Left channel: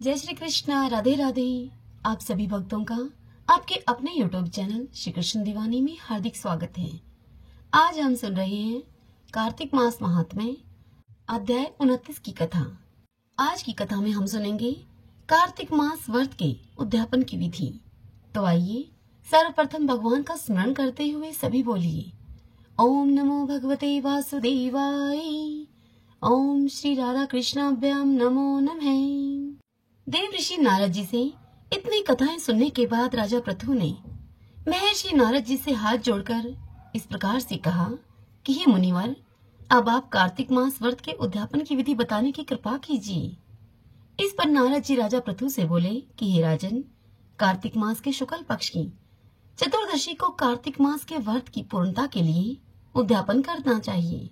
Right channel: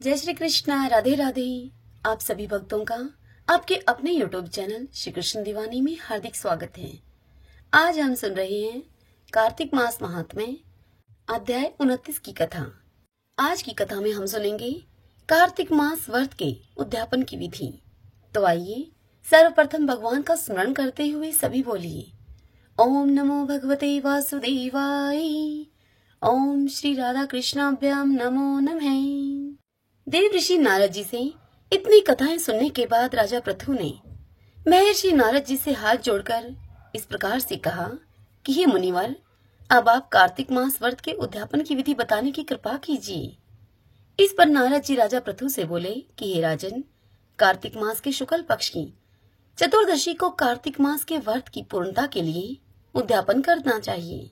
जय श्री कृष्णा, राधे राधे। आप सभी भक्तों का आपके अपने YouTube चैनल श्री कृष्ण दीवानी में हार्दिक स्वागत है। आज हम सुन रहे हैं कार्तिक मास महात्म्य अध्याय 29 की कथा। आज की कथा में हम सुनेंगे कार्तिक मास व्रत के उद्यापन की विधि। तो आइए सर्वप्रथम भगवान का स्मरण करते हुए सभी बोलिए ओम नमो भगवते वासुदेवाय। ओम श्री राधा कृष्णाभ्याम नमो नमः। देव ऋषि नारद जी से इतनी कथाएं सुनने के बाद राजा पृथु ने महर्षि नारद जी से हाथ जोड़कर इस प्रकार से कहा कि हे मुनिवर, अब आप कार्तिक मास व्रत के उद्यापन की विधि बताने की कृपा कीजिए। इस पर नारद जी राजा पृथु से बोले कि हे राजन, कार्तिक मास के शुक्ल पक्ष की चतुर्दशी को कार्तिक मास के व्रत की पूर्णता के लिए उद्यापन करना चाहिए।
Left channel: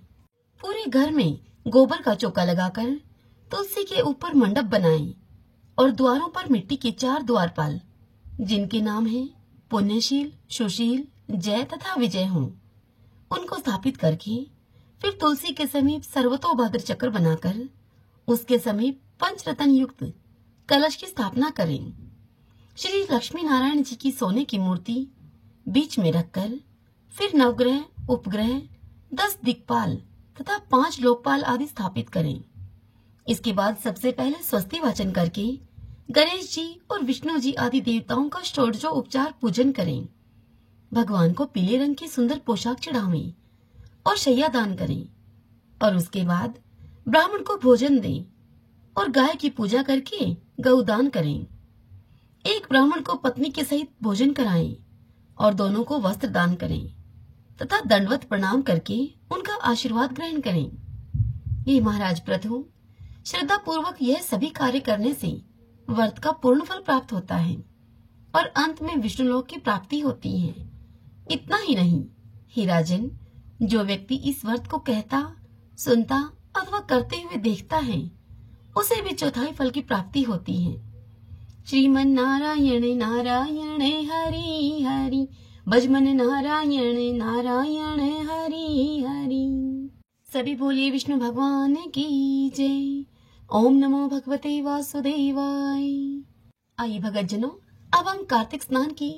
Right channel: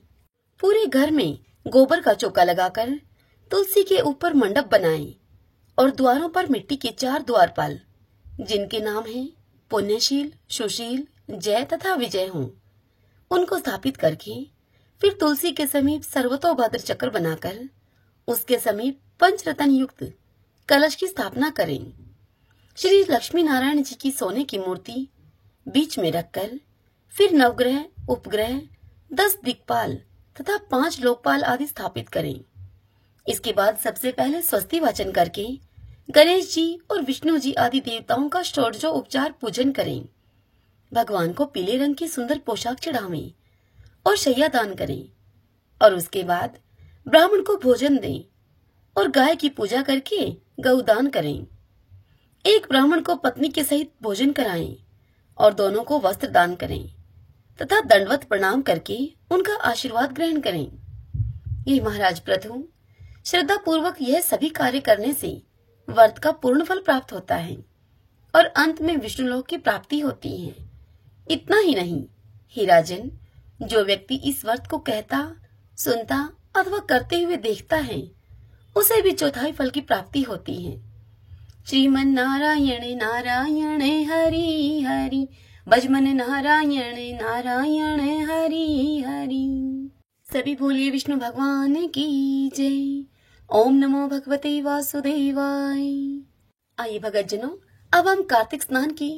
पूरे घर में गोबर का चौका लगाकर तुलसी के ऊपर मंडप बनाएं और द्वारों पर मिट्टी के 4 द्वारपाल, जिनके नाम हैं पुण्यशील, सुशील, जय तथा विजय हों, उनको स्थापित करके फिर तुलसी के समीप सर्वतोभद्र चक्र बनाकर उसके समीप पंचरत्न युक्त कलश की स्थापना करें। श्री लक्ष्मी नारायण जी की सोने की मूर्ति बीच में रखकर फिर नवग्रह, उपग्रह, 10 दिक्पाल तथा 5 लोकपाल आदि स्थापित करें। इसके बाद सबसे पहले स्वस्ति वाचन करके गणेश जी और विष्णु जी आदि देवताओं का षोडशोपचार पूजन करें। भगवान को पीले रंग की सुंदर पोशाक चढ़ावें और शैया दान करें और उसके बाद ब्राह्मण को भोजन दें और गाय की पूजा करके गौदान करें। एक ब्राह्मण को पत्नी के सहित भोजन कराएं और दोनों को वस्त्र दान करें तथा दंडवत प्रणाम करके उनका आशीर्वाद ग्रहण करें। ये महाराज पृथु, श्रद्धा पूर्वक यह सभी कार्य करने से व्रत का पूर्ण फल प्राप्त होता है और अंत में विष्णु लोक की प्राप्ति होती है। इतना ही नहीं, हे राजन, जो व्यक्ति इस व्रत को कहता, सुनता अथवा करते हुए देखता है, उसे भी चौथाई फल की प्राप्ति होती है। श्रीमन नारायण नारायण हरि हरि, भजमन नारायण नारायण हरि हरि। सभी बोलिए विष्णु भगवान की जय। ओम नमो भगवते वासुदेवाय। आइए भगत जनों, अब हम कार्तिक स्नान की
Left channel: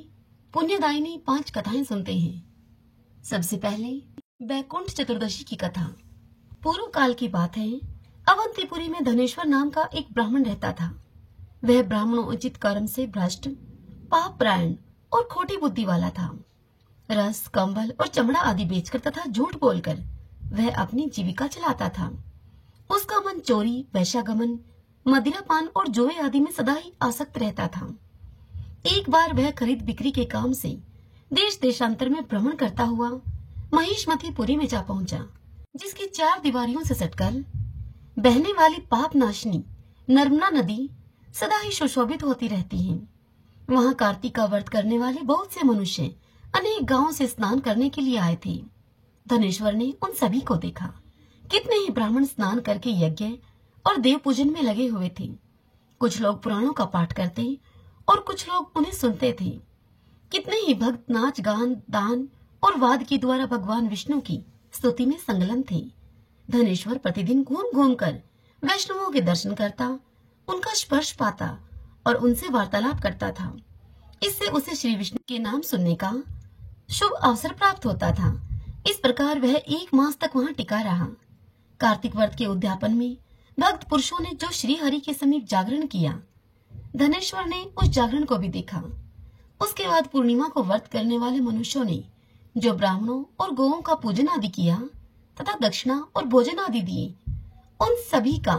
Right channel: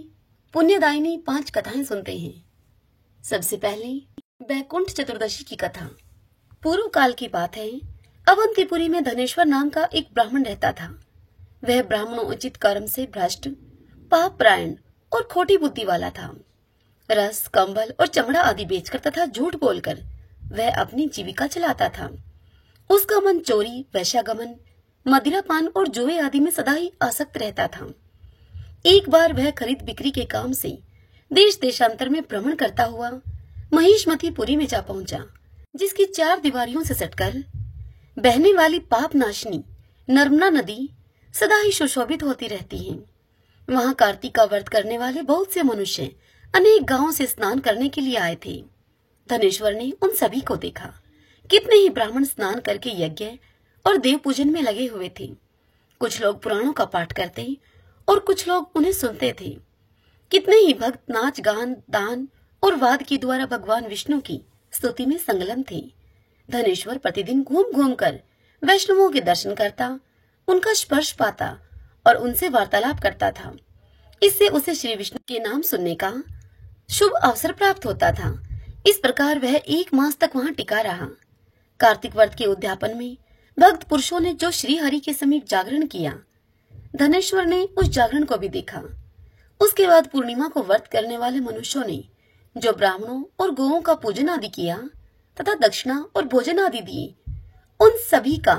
पुण्यदायिनी 5 कथाएं सुनते हैं। सबसे पहले बैकुंठ चतुर्दशी की कथा। पूर्व काल की बात है, अवंतीपुरी में धनेश्वर नाम का एक ब्राह्मण रहता था। वह ब्राह्मण उचित कर्म से भ्रष्ट, पापरायण और खोटी बुद्धि वाला था। रस, कंबल और चमड़ा आदि बेचकर तथा झूठ बोलकर वह अपनी जीविका चलाता था। उसका मन चोरी, वैश्यागमन, मदिरापान और जुए आदि में सदा ही आसक्त रहता था। एक बार वह खरीद बिक्री के काम से देश देशांतर में भ्रमण करता हुआ महिष्मतीपुरी में जा पहुंचा, जिसकी 4 दीवारियों से सटकर बहने वाली पाप नाशनी नर्मदा नदी सदा ही सुशोभित होती रहती है। वहां कार्तिक का व्रत करने वाले बहुत से मनुष्य अनेक गांवों से स्नान करने के लिए आए थे। धनेश्वर ने उन सभी को देखा। कितने ही ब्राह्मण स्नान करके यज्ञ और देव पूजन में लगे हुए थे। कुछ लोग पुराणों का पाठ करते और कुछ लोग उन्हें सुनते थे। कितने ही भक्त नाच गान, दान और वाद के द्वारा भगवान विष्णु की स्तुति में संलग्न थे। धनेश्वर प्रतिदिन घूम घूम कर वैष्णवों के दर्शन करता, उनका स्पर्श पाता और उनसे वार्तालाप करता था। इससे उसे श्री विष्णु के नाम सुनने का शुभ अवसर प्राप्त होता था। इस प्रकार वह 1 मास तक वहां टिका रहा। कार्तिक व्रत के उद्यापन में भक्त पुरुषों ने जो श्री हरि के समीप जागरण किया, धनेश्वर ने उस जागरण को भी देखा। उसके बाद पूर्णिमा को व्रत करने वाले मनुष्यों ने जो ब्राह्मणों और गौओं का पूजन आदि किया तथा दक्षिणा और भोजन आदि दिए, उन सभी का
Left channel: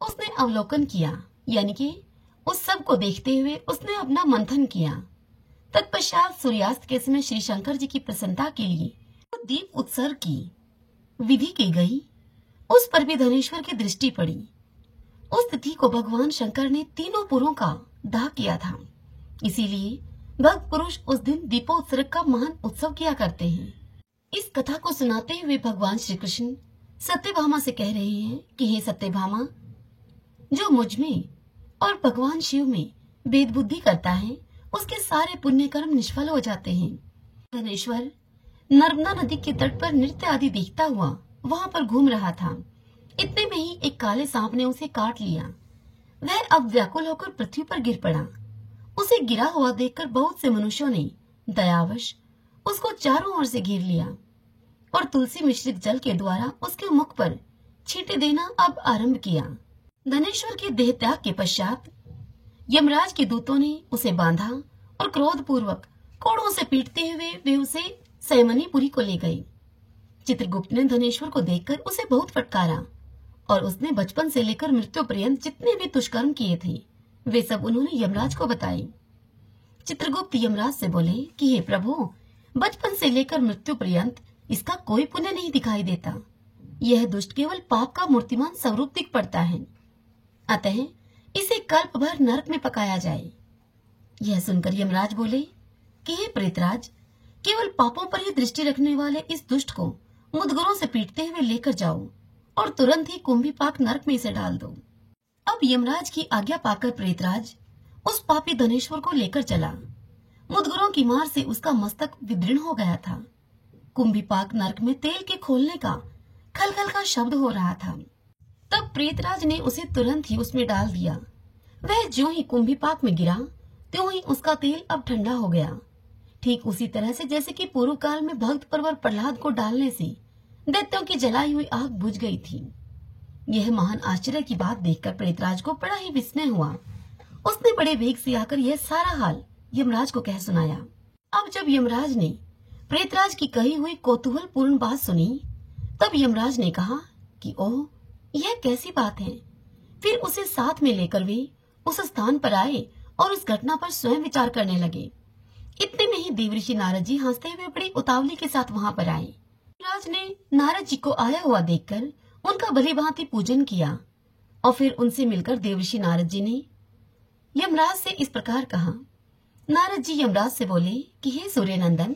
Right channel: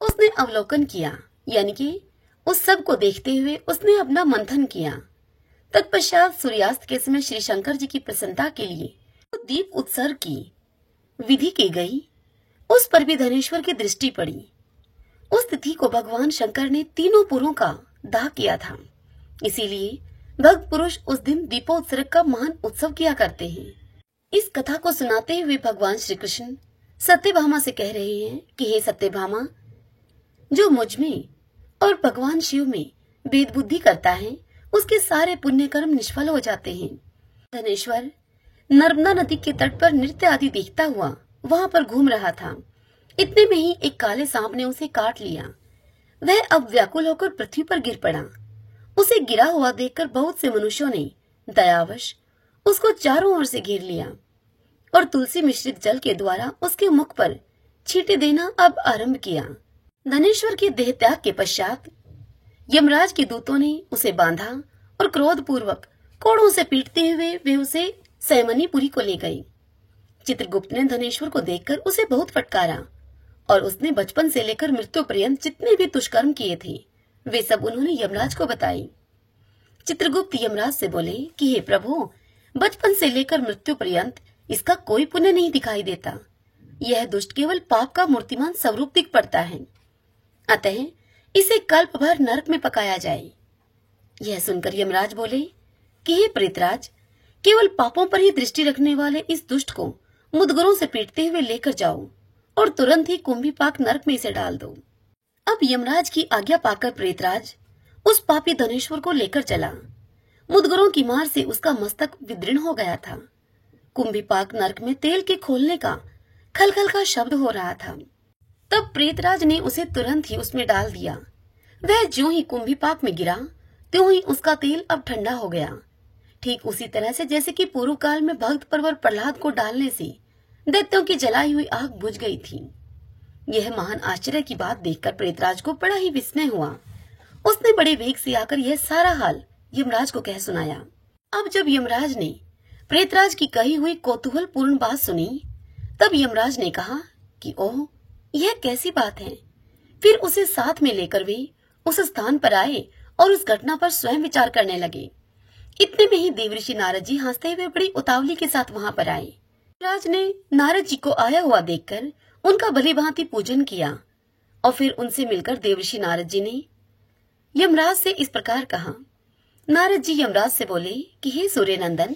उसने अवलोकन किया, यानी कि उस सब को देखते हुए उसने अपना मंथन किया। तत्पश्चात सूर्यास्त के समय श्री शंकर जी की प्रसन्नता के लिए दीप उत्सर्ग की विधि की गई। उस पर भी धनेश्वर की दृष्टि पड़ी। उस तिथि को भगवान शंकर ने तीनों पुरों का दाह किया था। इसीलिए भक्त पुरुष उस दिन दीपोत्सर्ग का महान उत्सव किया करते हैं। इस कथा को सुनाते हुए भगवान श्री कृष्ण सत्यभामा से कह रहे हैं कि हे सत्यभामा, जो मुझ में और भगवान शिव में भेद बुद्धि करता है, उसके सारे पुण्य कर्म निष्फल हो जाते हैं। धनेश्वर नर्मदा नदी के तट पर नृत्य आदि देखता हुआ वहां पर घूम रहा था। इतने में ही एक काले सांप ने उसे काट लिया। वह अब व्याकुल होकर पृथ्वी पर गिर पड़ा। उसे गिरा हुआ देखकर बहुत से मनुष्यों ने दयावश उसको चारों ओर से घेर लिया और तुलसी मिश्रित जल के द्वारा उसके मुख पर छींटे देना अब आरंभ किया। धनेश्वर के देह त्याग के पश्चात यमराज के दूतों ने उसे बांधा और क्रोधपूर्वक कोड़ों से पीटते हुए वे उसे सैमनीपुरी को ले गए। चित्रगुप्त ने धनेश्वर को देखकर उसे बहुत फटकारा और उसने बचपन से लेकर मृत्यु पर्यंत जितने भी दुष्कर्म किए थे वे सब उन्होंने यमराज को बताए। चित्रगुप्त यमराज से बोले कि हे प्रभु, बचपन से लेकर मृत्यु पर्यंत इसका कोई पुण्य नहीं दिखाई देता। यह दुष्ट केवल पाप का मूर्तिमान स्वरूप दिख पड़ता है, अतः इसे कल्प भर नरक में पकाया जाए। यह सुनकर यमराज बोले कि हे प्रेतराज, केवल पापों पर ही दृष्टि रखने वाले इस दुष्ट को मुदगरों से पीटते हुए लेकर जाओ और तुरंत ही कुंभीपाक नरक में इसे डाल दो। अब यमराज की आज्ञा पाकर प्रेतराज उस पापी धनेश्वर को लेकर चला। मुदगरों की मार से उसका मस्तक विदीर्ण हो गया था। कुंभीपाक नरक में तेल के खोलने का खलखल का शब्द हो रहा था। तब प्रेतराज ने उसे तुरंत ही उसमें डाल दिया। वह ज्यों ही कुंभीपाक में गिरा त्यों ही उसका तेल अब ठंडा हो गया, ठीक उसी तरह से जैसे कि पूर्व काल में भक्त परवर प्रहलाद को डालने से दैत्यों की जलाई हुई आग बुझ गई थी। यह महान आश्चर्य की बात देखकर प्रेतराज को बड़ा ही विस्मय हुआ। उसने बड़े वेग से आकर यह सारा हाल यमराज को कह सुनाया। अब जब यमराज ने प्रेतराज की कही हुई कौतूहल पूर्ण बात सुनी, तब यमराज ने कहा कि ओह, यह कैसी बात है। फिर उसे साथ में लेकर वे उस स्थान पर आए और उस घटना पर स्वयं विचार करने लगे। इतने में ही देवऋषि नारद जी हंसते हुए बड़ी उतावली के साथ वहां पर आए। राज ने नारद जी को आया हुआ देखकर उनका भलीभांति पूजन किया और फिर उनसे मिलकर देवऋषि नारद जी ने यमराज से इस प्रकार कहा। नारद जी यमराज से बोले कि हे सूर्य नंदन,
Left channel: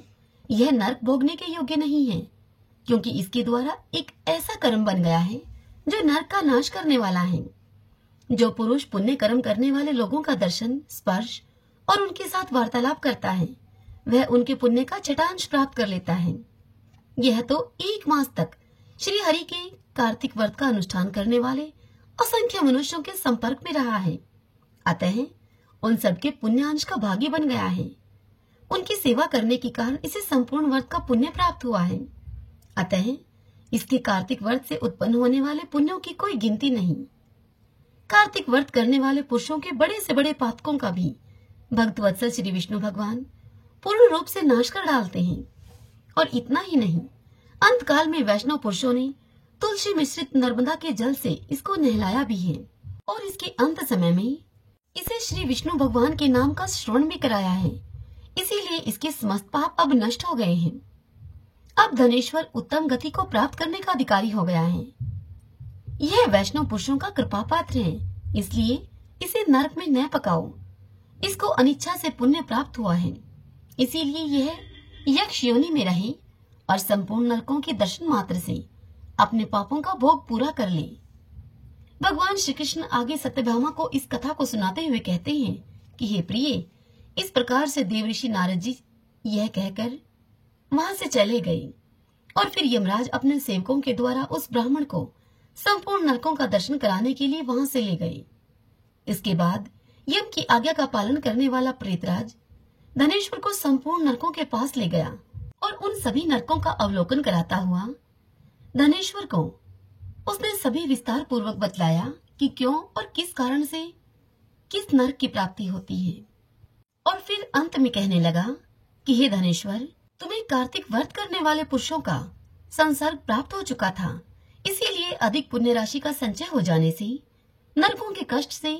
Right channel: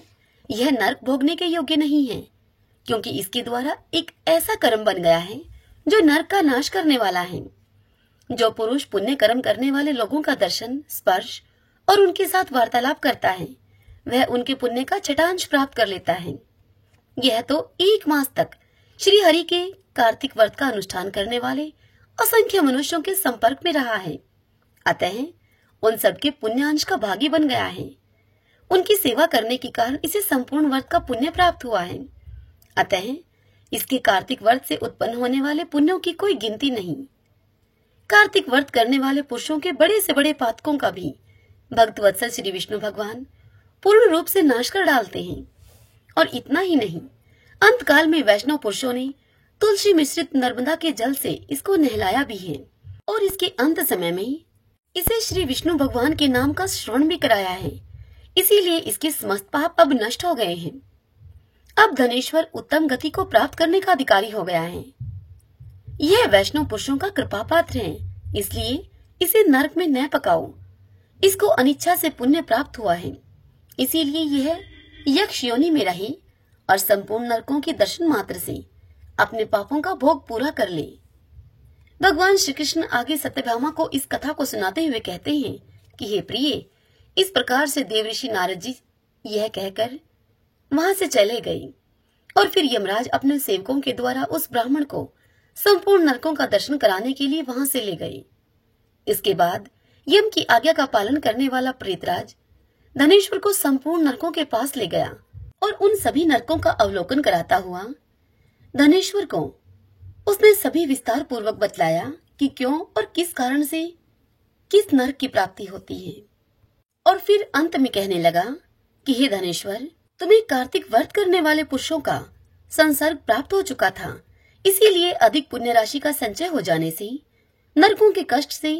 यह नरक भोगने के योग्य नहीं है, क्योंकि इसके द्वारा एक ऐसा कर्म बन गया है जो नरक का नाश करने वाला है। जो पुरुष पुण्य कर्म करने वाले लोगों का दर्शन, स्पर्श और उनके साथ वार्तालाप करता है, वह उनके पुण्य का छठांश प्राप्त कर लेता है। यह तो 1 मास तक श्री हरि के कार्तिक व्रत का अनुष्ठान करने वाले असंख्य मनुष्यों के संपर्क में रहा है, अतः उन सबके पुण्यांश का भागी बन गया है। उनकी सेवा करने के कारण इसे संपूर्ण व्रत का पुण्य प्राप्त हुआ है, अतः इसके कार्तिक व्रत से उत्पन्न होने वाले पुण्यों की कोई गिनती नहीं। कार्तिक व्रत करने वाले पुरुषों के बड़े से बड़े पातकों का भी भक्त वत्सल श्री विष्णु भगवान पूर्ण रूप से नाश कर डालते हैं। और इतना ही नहीं, अंतकाल में वैष्णव पुरुषों ने तुलसी मिश्रित नर्मदा के जल से इसको नहलाया भी है और इसके अंत समय में इसे श्री विष्णु भगवान के नाम का श्रवण भी कराया है। इसीलिए इसके समस्त पाप अब नष्ट हो गए हैं। अब धनेश्वर उत्तम गति को प्राप्त करने का अधिकारी हो गया है। यह वैष्णव पुरुषों का कृपा पात्र है, इसलिए इसे नरक में न पकाओ। इसको अनिच्छा से पुण्य प्राप्त हुआ है, इसीलिए यह यक्ष योनि में रहे और संपूर्ण नरकों के दर्शन मात्र से अपने पापों का भोग पूरा कर ले। भगवान श्री कृष्ण आगे सत्यभामा को इस कथा को सुनाते हुए कहते हैं कि हे प्रिय, इस प्रकार से देवऋषि नारद जी यह कहकर वहां से चले गए और फिर यमराज अपने सेवकों के द्वारा उस ब्राह्मण को संपूर्ण नरकों का दर्शन कराने के लिए वहां से ले गए। इसके बाद यम की आज्ञा का पालन करने वाला प्रेतराज धनेश्वर को संपूर्ण नरकों के पास ले गया और उन सभी नरकों का अवलोकन कराता हुआ धनेश्वर को उसने सभी विस्तार पूर्वक बतलाया कि क्यों और किस कारण से किस नरक की प्राप्ति होती है। और फिर अंत में कहने लगा कि हे धनेश्वर, तुम्हें कार्तिक व्रत करने वाले पुरुषों का संसर्ग प्राप्त हो चुका था, इसीलिए अधिक पुण्य राशि का संचय हो जाने से नरकों के कष्ट से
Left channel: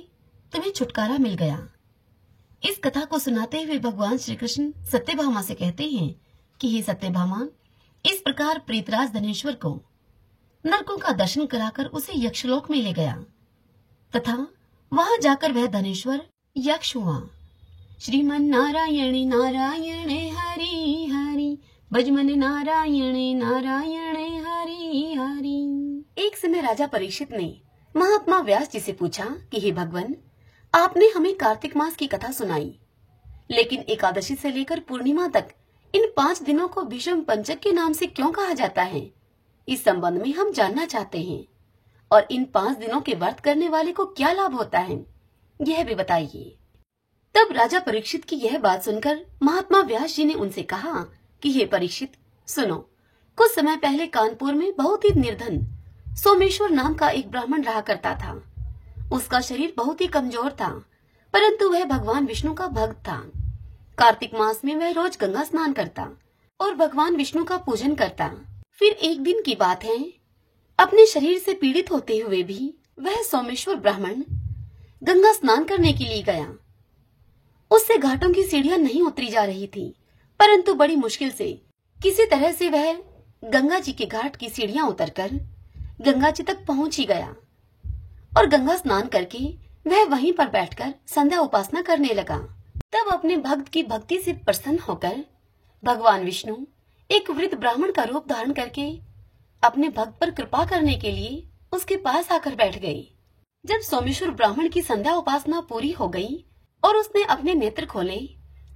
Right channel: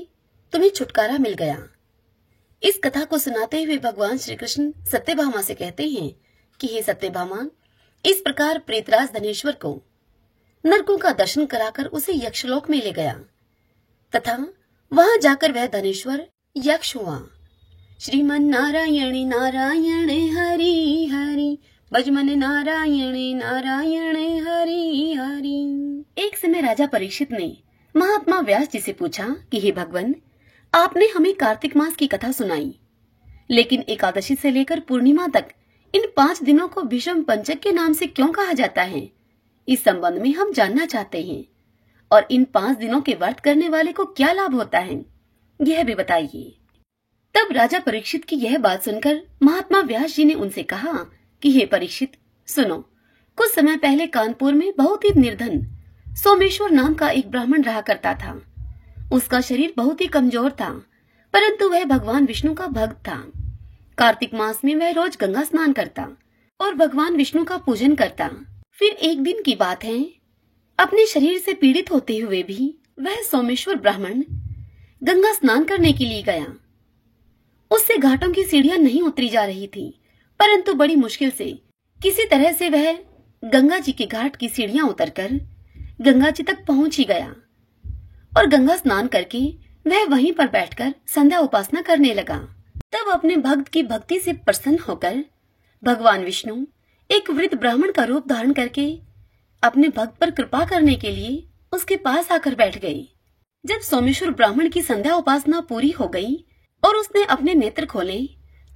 तुम्हें छुटकारा मिल गया। इस कथा को सुनाते हुए भगवान श्री कृष्ण सत्यभामा से कहते हैं कि हे सत्यभामा, इस प्रकार प्रेतराज धनेश्वर को नरकों का दर्शन कराकर उसे यक्षलोक में ले गया तथा वहां जाकर वह धनेश्वर यक्ष हुआ। श्रीमन नारायण नारायण हरि हरि, भजमन नारायण नारायण हरि हरि। एक समय राजा परीक्षित ने महात्मा व्यास जी से पूछा कि हे भगवान, आपने हमें कार्तिक मास की कथा सुनाई, लेकिन एकादशी से लेकर पूर्णिमा तक इन 5 दिनों को भीष्म पंचक के नाम से क्यों कहा जाता है? इस संबंध में हम जानना चाहते हैं। और इन 5 दिनों के व्रत करने वाले को क्या लाभ होता है, यह भी बताइए। तब राजा परीक्षित की यह बात सुनकर महात्मा व्यास जी ने उनसे कहा कि हे परीक्षित, सुनो, कुछ समय पहले कानपुर में बहुत ही निर्धन सोमेश्वर नाम का एक ब्राह्मण रहा करता था। उसका शरीर बहुत ही कमजोर था, परंतु वह भगवान विष्णु का भक्त था। कार्तिक मास में वह रोज गंगा स्नान करता और भगवान विष्णु का पूजन करता। फिर एक दिन की बात है, अपने शरीर से पीड़ित होते हुए भी वह सोमेश्वर ब्राह्मण गंगा स्नान करने के लिए गया। उससे घाटों की सीढ़ियां नहीं उतरी जा रही थी, परंतु बड़ी मुश्किल से किसी तरह से वह गंगा जी के घाट की सीढ़ियां उतरकर गंगा जी तक पहुंच ही गया और गंगा स्नान करके वह वहीं पर बैठकर संध्या उपासना करने लगा। तब अपने भक्त की भक्ति से प्रसन्न होकर भगवान विष्णु एक वृद्ध ब्राह्मण का रूप धारण करके अपने भक्त पर कृपा करने के लिए उसके पास आकर बैठ गए। जब सोमेश्वर ब्राह्मण की संध्या उपासना पूरी हो गई और उसने अपने नेत्र खोले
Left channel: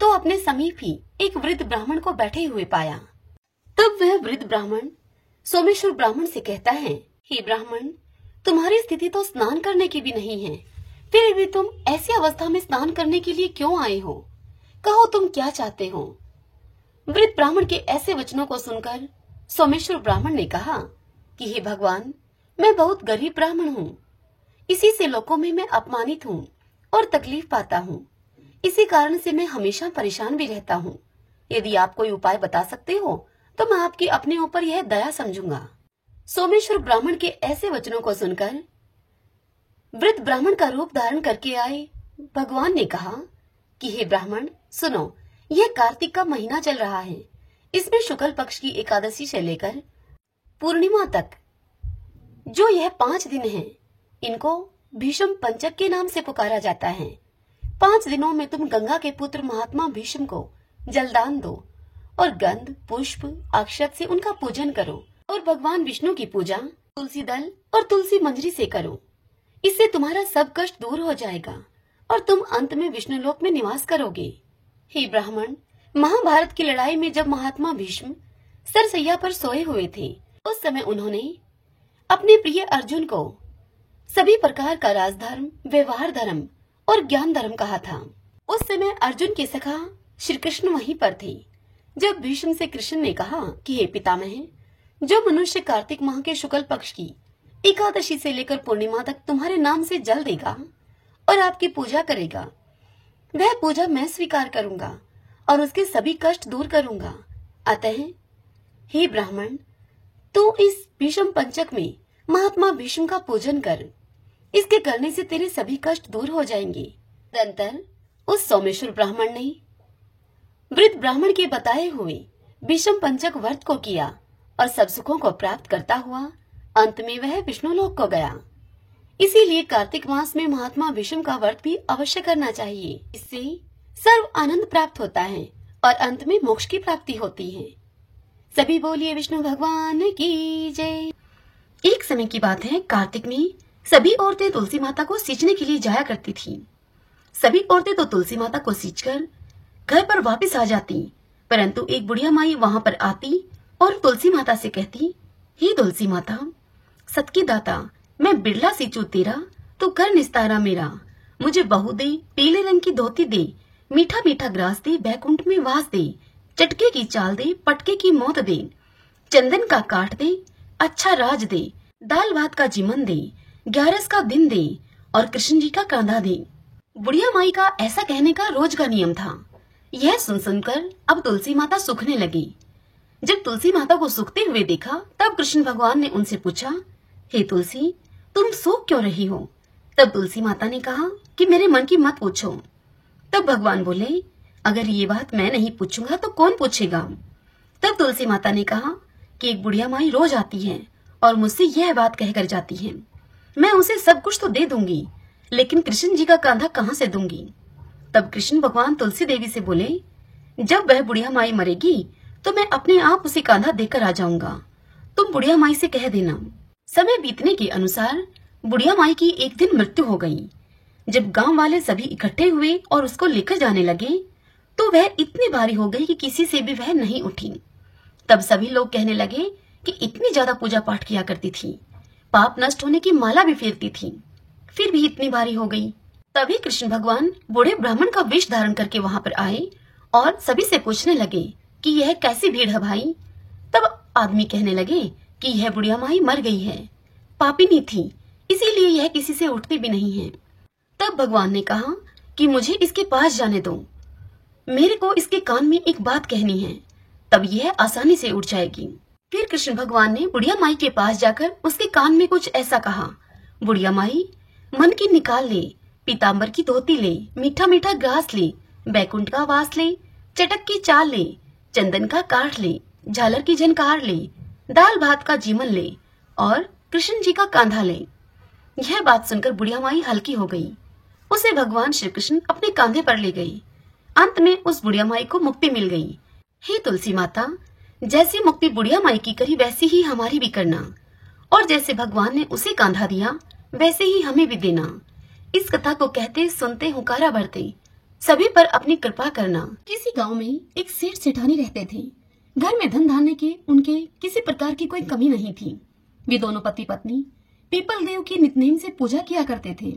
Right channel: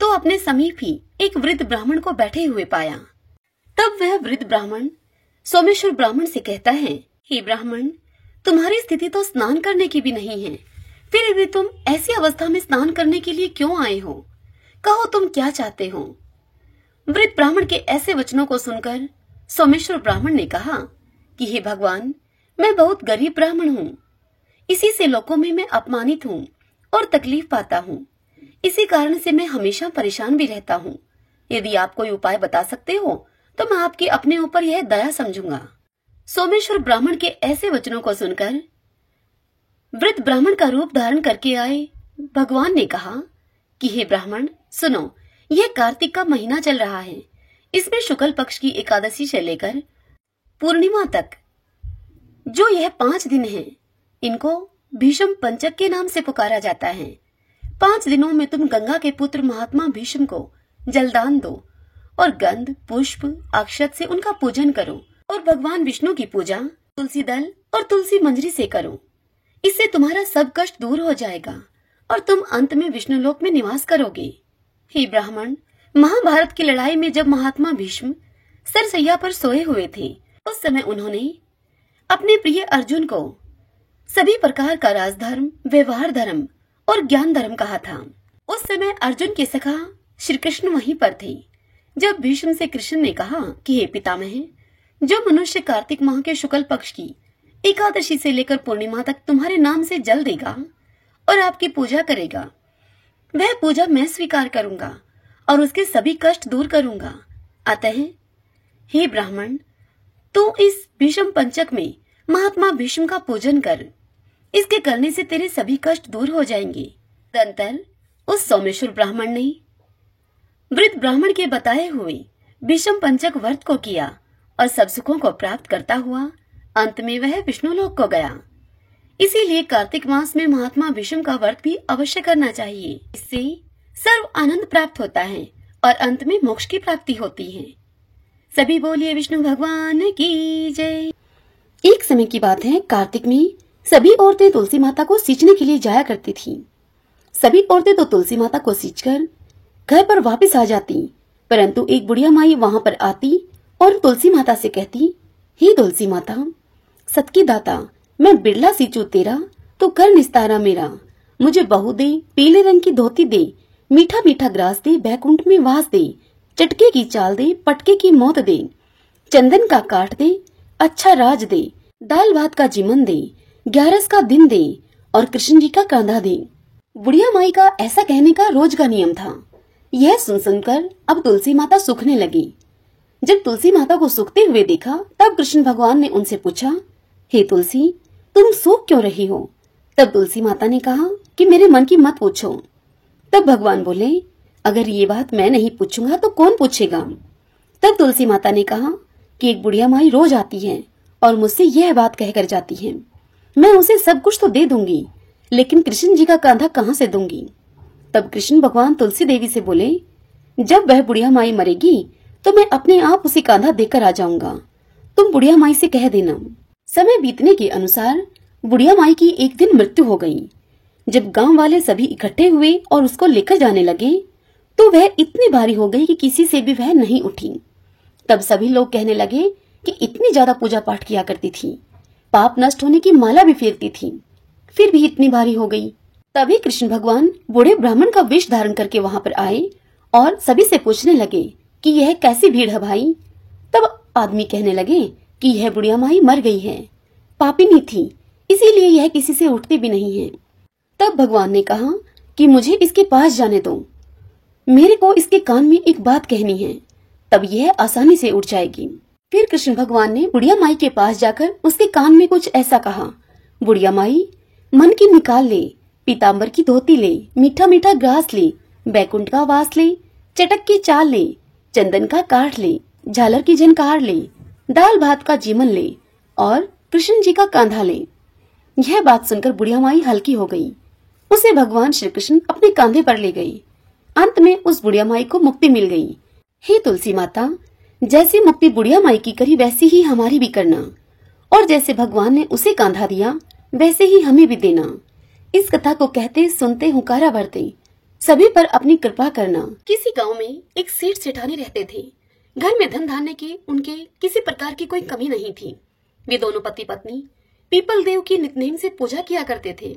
तो अपने समीप ही एक वृद्ध ब्राह्मण को बैठे हुए पाया। तब वह वृद्ध ब्राह्मण सोमेश्वर ब्राह्मण से कहता है, हे ब्राह्मण, तुम्हारी स्थिति तो स्नान करने की भी नहीं है, फिर भी तुम ऐसी अवस्था में स्नान करने के लिए क्यों आए हो? कहो तुम क्या चाहते हो? वृद्ध ब्राह्मण के ऐसे वचनों को सुनकर सोमेश्वर ब्राह्मण ने कहा कि हे भगवान, मैं बहुत गरीब ब्राह्मण हूँ। इसी से लोगों में मैं अपमानित हूँ और तकलीफ पाता हूँ। इसी कारण से मैं हमेशा परेशान भी रहता हूँ। यदि आप कोई उपाय बता सकते हो तो मैं आपके अपने ऊपर यह दया समझूंगा। सोमेश्वर ब्राह्मण के ऐसे वचनों को सुनकर वृद्ध ब्राह्मण का रूप धारण करके आए भगवान ने कहा कि हे ब्राह्मण, सुनो, यह कार्तिक का महीना चल रहा है। इसमें शुक्ल पक्ष की एकादशी से लेकर पूर्णिमा तक जो यह 5 दिन हैं, इनको भीष्म पंचक के नाम से पुकारा जाता है। 5 दिनों में तुम गंगा के पुत्र महात्मा भीष्म को जलदान दो और गंध, पुष्प, अक्षत से उनका पूजन करो और भगवान विष्णु की पूजा तुलसी दल और तुलसी मंजरी से करो। इससे तुम्हारा सब कष्ट दूर हो जाएगा और तुम अंत में विष्णु लोक में निवास करोगे। हे ब्राह्मण, महाभारत की लड़ाई में जब महात्मा भीष्म सरसैया पर सोए हुए थे, उस समय उन्होंने अपने प्रिय अर्जुन को सभी प्रकार का राजधर्म, व्यवहार धर्म और ज्ञान धर्म कहा था। उस समय अर्जुन के सखा श्री कृष्ण वहीं पर थे। जब भीष्म से कृष्ण ने कहा कि हे पितामह, जो मनुष्य कार्तिक माह के शुक्ल पक्ष की एकादशी से लेकर पूर्णिमा तक तुम्हारे नाम से जल देगा और आपकी पूजा करेगा, वह पूजा मैं स्वीकार करूंगा और उसके सभी कष्ट दूर करूंगा। अतः हे ब्राह्मण, तू इस भीष्म पंचक में महात्मा भीष्म का पूजन कर। इसके करने से तेरे सभी कष्ट दूर हो जाएंगे। तदंतर उस सोमेश्वर ब्राह्मण ने वृद्ध ब्राह्मण के बताए हुए भीष्म पंचक व्रत को किया और सब सुखों को प्राप्त करता हुआ अंत में वह विष्णु लोक को गया। इसीलिए कार्तिक मास में महात्मा भीष्म का व्रत भी अवश्य करना चाहिए। इससे सर्व आनंद प्राप्त होता है और अंत में मोक्ष की प्राप्ति होती है। सभी बोलिए विष्णु भगवान की जय। एक समय की बात है, कार्तिक में सभी औरतें तुलसी माता को सींचने के लिए जाया करती थीं। सभी औरतें तो तुलसी माता को सींचकर घर पर वापस आ जाती, परंतु एक बुढ़िया माई वहां पर आती और तुलसी माता से कहती, हे तुलसी माता, सत की दाता, मैं बिरला सींचू तेरा तो कर निस्तारा मेरा। मुझे बहू दे, पीले रंग की धोती दे, मीठा मीठा ग्रास दे, बैकुंठ में वास दे, चटके की चाल दे, पटके की मौत दे, चंदन का काट दे, अच्छा राज दे, दाल भात का जीवन दे, 11 का दिन दे और कृष्ण जी का कांधा दे। बुढ़िया माई का ऐसा कहने का रोज का नियम था। यह सुन सुनकर अब तुलसी माता सूखने लगी। जब तुलसी माता को सूखते हुए देखा, तब कृष्ण भगवान ने उनसे पूछा, हे तुलसी, तुम सूख क्यों रही हो? तब तुलसी माता ने कहा कि मेरे मन की मत पूछो। तब भगवान बोले, अगर ये बात मैं नहीं पूछूंगा तो कौन पूछेगा? तब तुलसी माता ने कहा कि एक बुढ़िया माई रोज आती है और मुझसे यह बात कहकर जाती है, मैं उसे सब कुछ तो दे दूंगी, लेकिन कृष्ण जी का कांधा कहाँ से दूंगी? तब कृष्ण भगवान तुलसी देवी से बोले, जब वह बुढ़िया माई मरेगी तो मैं अपने आप उसे कांधा देकर आ जाऊंगा। तुम बुढ़िया माई से कह देना। समय बीतने के अनुसार बुढ़िया माई की एक दिन मृत्यु हो गई। जब गांव वाले सभी इकट्ठे हुए और उसको लेकर जाने लगे तो वह इतनी भारी हो गई कि किसी से भी वह नहीं उठी। तब सभी लोग कहने लगे कि इतनी ज्यादा पूजा पाठ किया करती थी, पाप नष्ट होने की माला भी फेरती थी, फिर भी इतनी भारी हो गई। तभी कृष्ण भगवान बूढ़े ब्राह्मण का वेश धारण करके वहां पर आए और सभी से पूछने लगे कि यह कैसी भीड़ है भाई। तब आदमी कहने लगे कि यह बुढ़िया माई मर गई है, पापिनी थी, इसीलिए यह किसी से उठती भी नहीं है। तब भगवान ने कहा कि मुझे इसके पास जाने दो, मेरे को इसके कान में एक बात कहनी है, तब यह आसानी से उठ जाएगी। फिर कृष्ण भगवान ने बुढ़िया माई के पास जाकर उसके कान में कुछ ऐसा कहा, बुढ़िया माई, मन की निकाल ले, पीताम्बर की धोती ले, मीठा मीठा ग्रास ले, बैकुंठ का वास ले, चटक की चाल ले, चंदन का काठ ले, झालर की झनकार ले, दाल भात का जीवन ले और कृष्ण जी का कांधा ले। यह बात सुनकर बुढ़िया माई हल्की हो गई। उसे भगवान श्री कृष्ण अपने कांधे पर ले गए। अंत में उस बुढ़िया माई को मुक्ति मिल गई। हे तुलसी माता, जैसी मुक्ति बुढ़िया माई की करी वैसी ही हमारी भी करना, और जैसे भगवान ने उसे कांधा दिया वैसे ही हमें भी देना। इस कथा को कहते सुनते हुंकारा भरते सभी पर अपनी कृपा करना। किसी गांव में एक सेठ सेठानी रहते थे। घर में धन धान्य की उनके किसी प्रकार की कोई कमी नहीं थी। वे दोनों पति पत्नी पीपल देव की नितनेम से पूजा किया करते थे।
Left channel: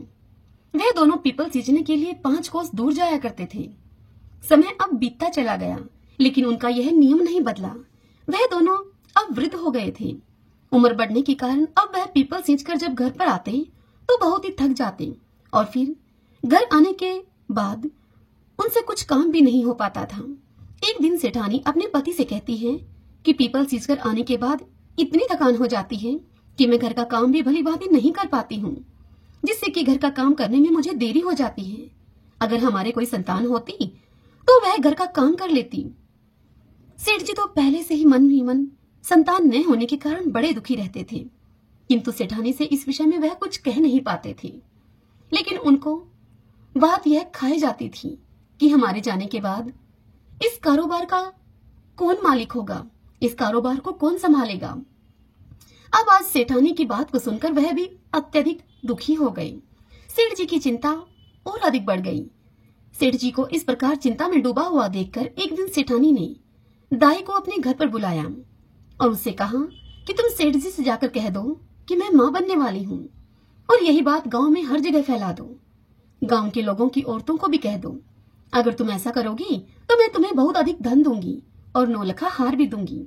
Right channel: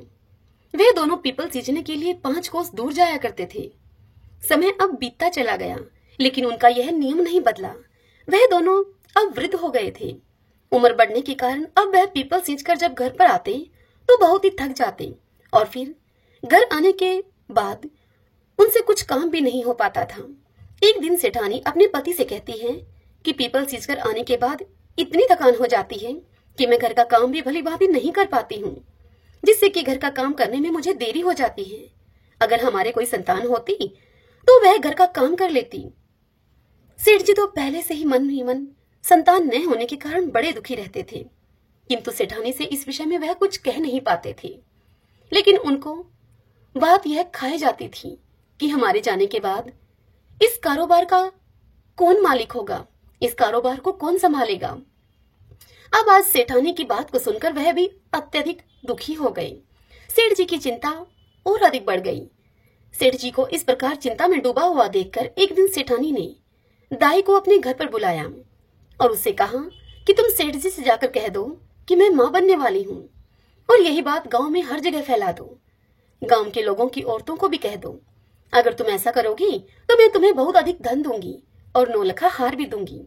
वे दोनों पीपल सींचने के लिए 5 कोस दूर जाया करते थे। समय अब बीतता चला गया, लेकिन उनका यह नियम नहीं बदला। वह दोनों अब वृद्ध हो गए थे। उम्र बढ़ने के कारण अब वह पीपल सींचकर जब घर पर आते तो बहुत ही थक जाते, और फिर घर आने के बाद उनसे कुछ काम भी नहीं हो पाता था। एक दिन सेठानी अपने पति से कहती है कि पीपल सींचकर आने के बाद इतनी थकान हो जाती है कि मैं घर का काम भी भली भांति नहीं कर पाती हूँ, जिससे कि घर का काम करने में मुझे देरी हो जाती है। अगर हमारे कोई संतान होती तो वह घर का काम कर लेती। सेठ जी तो पहले से ही मन संतान न होने के कारण बड़े दुखी रहते थे, किंतु सेठानी से इस विषय में वह कुछ कह नहीं पाते थे। लेकिन उनको बात यह खाई जाती थी कि हमारे जाने के बाद इस कारोबार का कौन मालिक होगा, इस कारोबार को कौन संभालेगा। अब आज सेठानी की बात को सुनकर वह भी अत्यधिक दुखी हो गए। सेठ जी की चिंता और अधिक बढ़ गई। सेठ जी को इस प्रकार चिंता में डूबा हुआ देखकर एक दिन सेठानी ने दाई को अपने घर पर बुलाया और उससे कहा कि तुम सेठ जी से जाकर कह दो कि मैं मां बनने वाली हूँ, और यही बात गांव में हर जगह फैला दो। गांव के लोगों की औरतों को भी कह दो। अगर तुम ऐसा करोगी तो मैं तुम्हें बहुत अधिक धन दूंगी और 9 लखा हार भी दूंगी।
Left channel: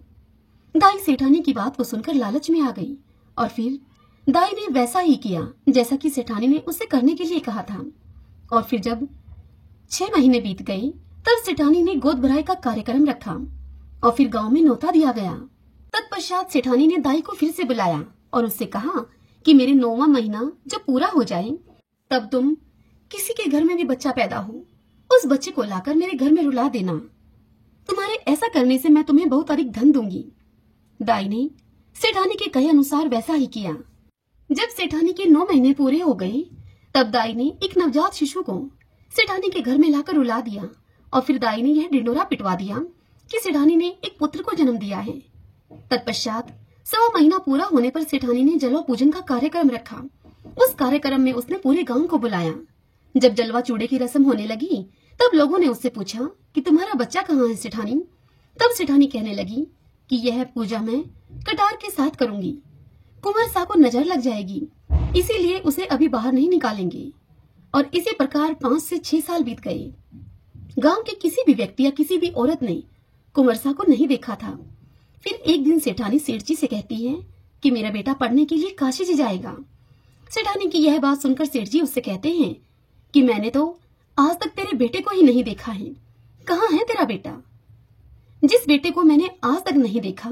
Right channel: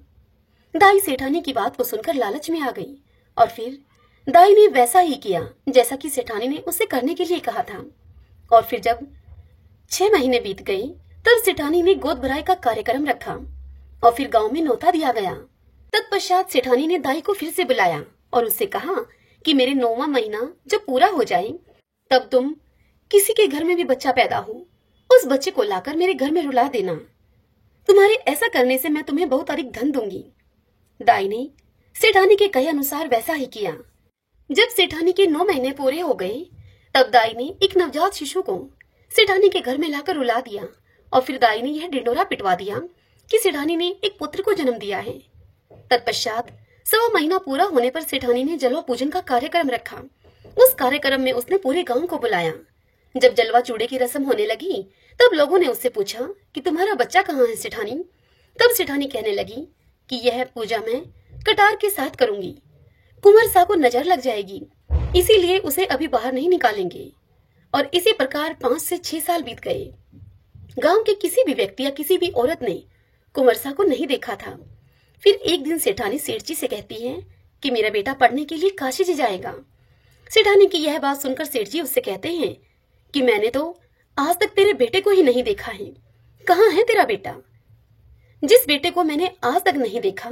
दाई सेठानी की बात को सुनकर लालच में आ गई, और फिर दाई ने वैसा ही किया जैसा कि सेठानी ने उसे करने के लिए कहा था। और फिर जब 6 महीने बीत गए तब सेठानी ने गोद भराई का कार्यक्रम रखा और फिर गांव में न्योता दिया गया। तत्पश्चात सेठानी ने दाई को फिर से बुलाया और उससे कहा कि मेरे 9वां महीना जब पूरा हो जाए तब तुम किसी के घर में भी बच्चा पैदा हो, उस बच्चे को लाकर मेरे घर में रुला देना। तुम्हारे ऐसा करने से मैं तुम्हें बहुत अधिक धन दूंगी। दाई ने सेठानी के कहे अनुसार वैसा ही किया। जब सेठानी के 9 महीने पूरे हो गए तब दाई ने एक नवजात शिशु को सेठानी के घर में लाकर रुला दिया, और फिर दाई ने यह ढिंडोरा पिटवा दिया कि सेठानी ने एक पुत्र को जन्म दिया है। तत्पश्चात 100 महीना पूरा होने पर सेठानी ने जलवा पूजन का कार्यक्रम रखा। उस कार्यक्रम में उसने पूरे गांव को बुलाया। जब जलवा चूड़े की रस्म होने लगी तब लोगों ने उससे पूछा कि तुम्हारा बच्चा कहाँ है सेठानी। तब सेठानी कहने लगी कि यह पूजा मैं कटार के साथ करूंगी, कुंवर सा को नजर लग जाएगी, इसीलिए उसे अभी बाहर नहीं निकालेंगे। और इसी प्रकार 5 से 6 साल बीत गए। गांव के किसी भी व्यक्ति या किसी भी औरत ने कुंवर सा को नहीं देखा था। फिर एक दिन सेठानी सेठ जी से कहती है कि मेरा बेटा पढ़ने के लिए काशी जी जाएगा। सेठानी की यह बात सुनकर सेठ जी उससे कहते हैं कि मैंने तो आज तक तेरे बेटे को ही नहीं देखा है, कहाँ है तेरा बेटा। जिस बेटे को मैंने आज तक नहीं देखा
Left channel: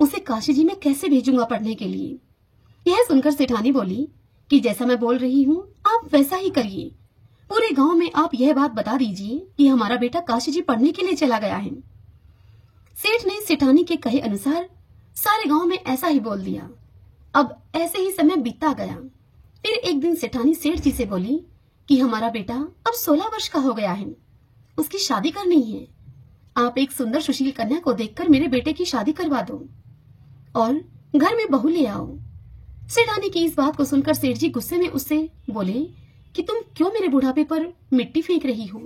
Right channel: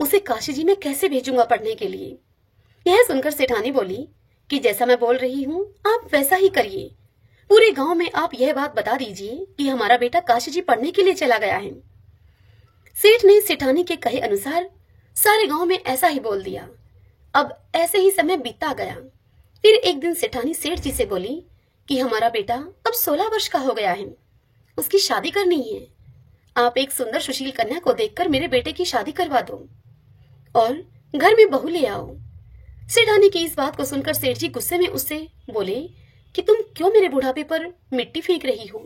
उसे काशी जी में कैसे भेजूंगा पढ़ने के लिए। यह सुनकर सेठानी बोली कि जैसा मैं बोल रही हूँ आप वैसा ही करिए। पूरे गांव में आप यह बात बता दीजिए कि हमारा बेटा काशी जी पढ़ने के लिए चला गया है। सेठ ने सेठानी के कहे अनुसार सारे गांव में ऐसा ही बोल दिया। अब ऐसे ही समय बीतता गया। फिर एक दिन सेठानी सेठ जी से बोली कि हमारा बेटा अब 16 वर्ष का हो गया है, उसकी शादी करनी है। आप एक सुंदर सुशील कन्या को देखकर मेरे बेटे की शादी करवा दो और घर में बहू ले आओ। सेठानी की इस बात को सुनकर सेठ जी गुस्से में उससे बोले कि तुम क्यों मेरे बुढ़ापे पर मिट्टी फेंक रही हो।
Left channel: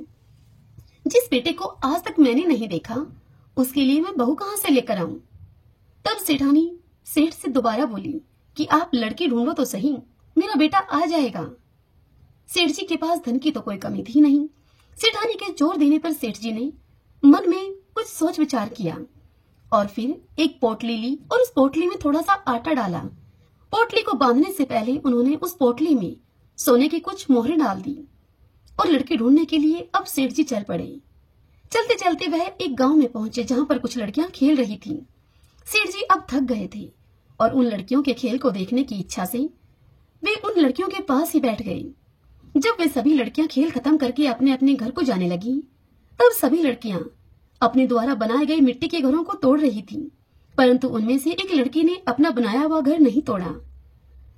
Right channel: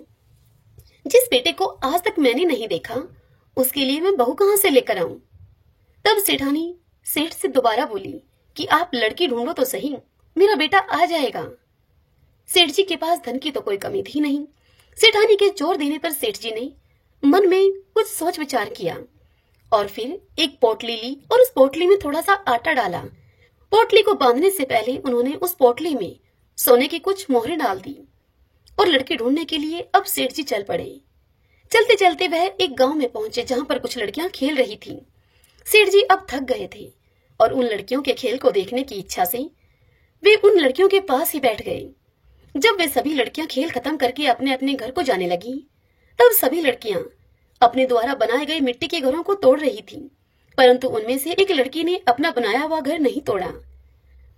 जिस बेटे को आज तक मैंने नहीं देखा उसके लिए मैं बहू कहां से लेकर आऊं। तब सेठानी सेठ से दोबारा बोली कि आप लड़की ढूंढो तो सही, मेरा बेटा आ जाएगा। सेठ जी के पास धन की तो कोई कमी थी नहीं। सेठानी के जोर देने पर सेठ जी ने मन में कुछ सोच विचार किया और फिर एक पोटली ली और उस पोटली में थोड़ा सा आटा डाला। पोटली को बांधने से पहले उन्होंने उस पोटली में सोने की कुछ मोहरें डाल दी और लड़की ढूंढने के लिए अब सेठ जी चल पड़े। चलते चलते वह एक गांव में पहुंचे जहां पर कुछ लड़कियां खेल रही थीं। सेठ जी अब थक गए थे और उन लड़कियों के खेल को देखने की इच्छा से वे उन लड़कियों के पास ही बैठ गए। जब वे सभी लड़कियां खेल खत्म करके अपने अपने घर को जाने लगी, तब सभी लड़कियां अपने द्वारा बनाए गए मिट्टी के घरों को तोड़ रही थीं, परंतु उनमें से एक लड़की ने अपना बनाया हुआ घर नहीं तोड़ा।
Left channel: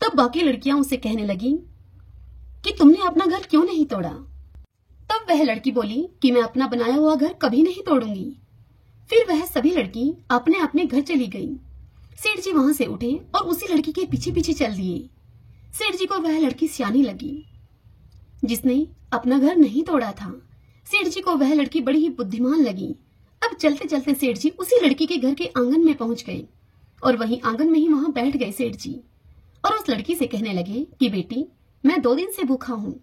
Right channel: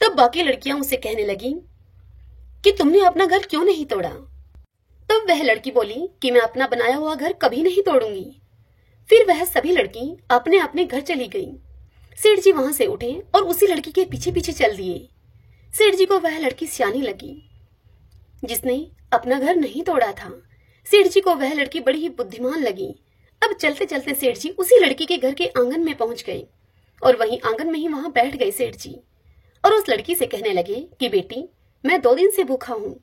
तब बाकी लड़कियां उससे कहने लगी कि तुमने अपना घर क्यों नहीं तोड़ा? तब वह लड़की बोली कि मैं अपना बनाया हुआ घर कभी नहीं तोड़ूंगी। फिर वह सभी लड़की अपने अपने घर चली गई। सेठ जी वहां से उठे और उसी लड़की के पीछे पीछे चल दिए। सेठ जी को वह लड़की सियानी लगी जिसने अपना घर नहीं तोड़ा था। सेठ जी को वह लड़की बड़ी ही बुद्धिमान लगी। अब चलते चलते सेठ जी उसी लड़की के घर के आंगन में पहुंच गए और वहीं आंगन में ही वहां बैठ गए सेठ जी और उस लड़की से कहने लगे कि बेटी, मैं 2 दिन से भूखा हूँ,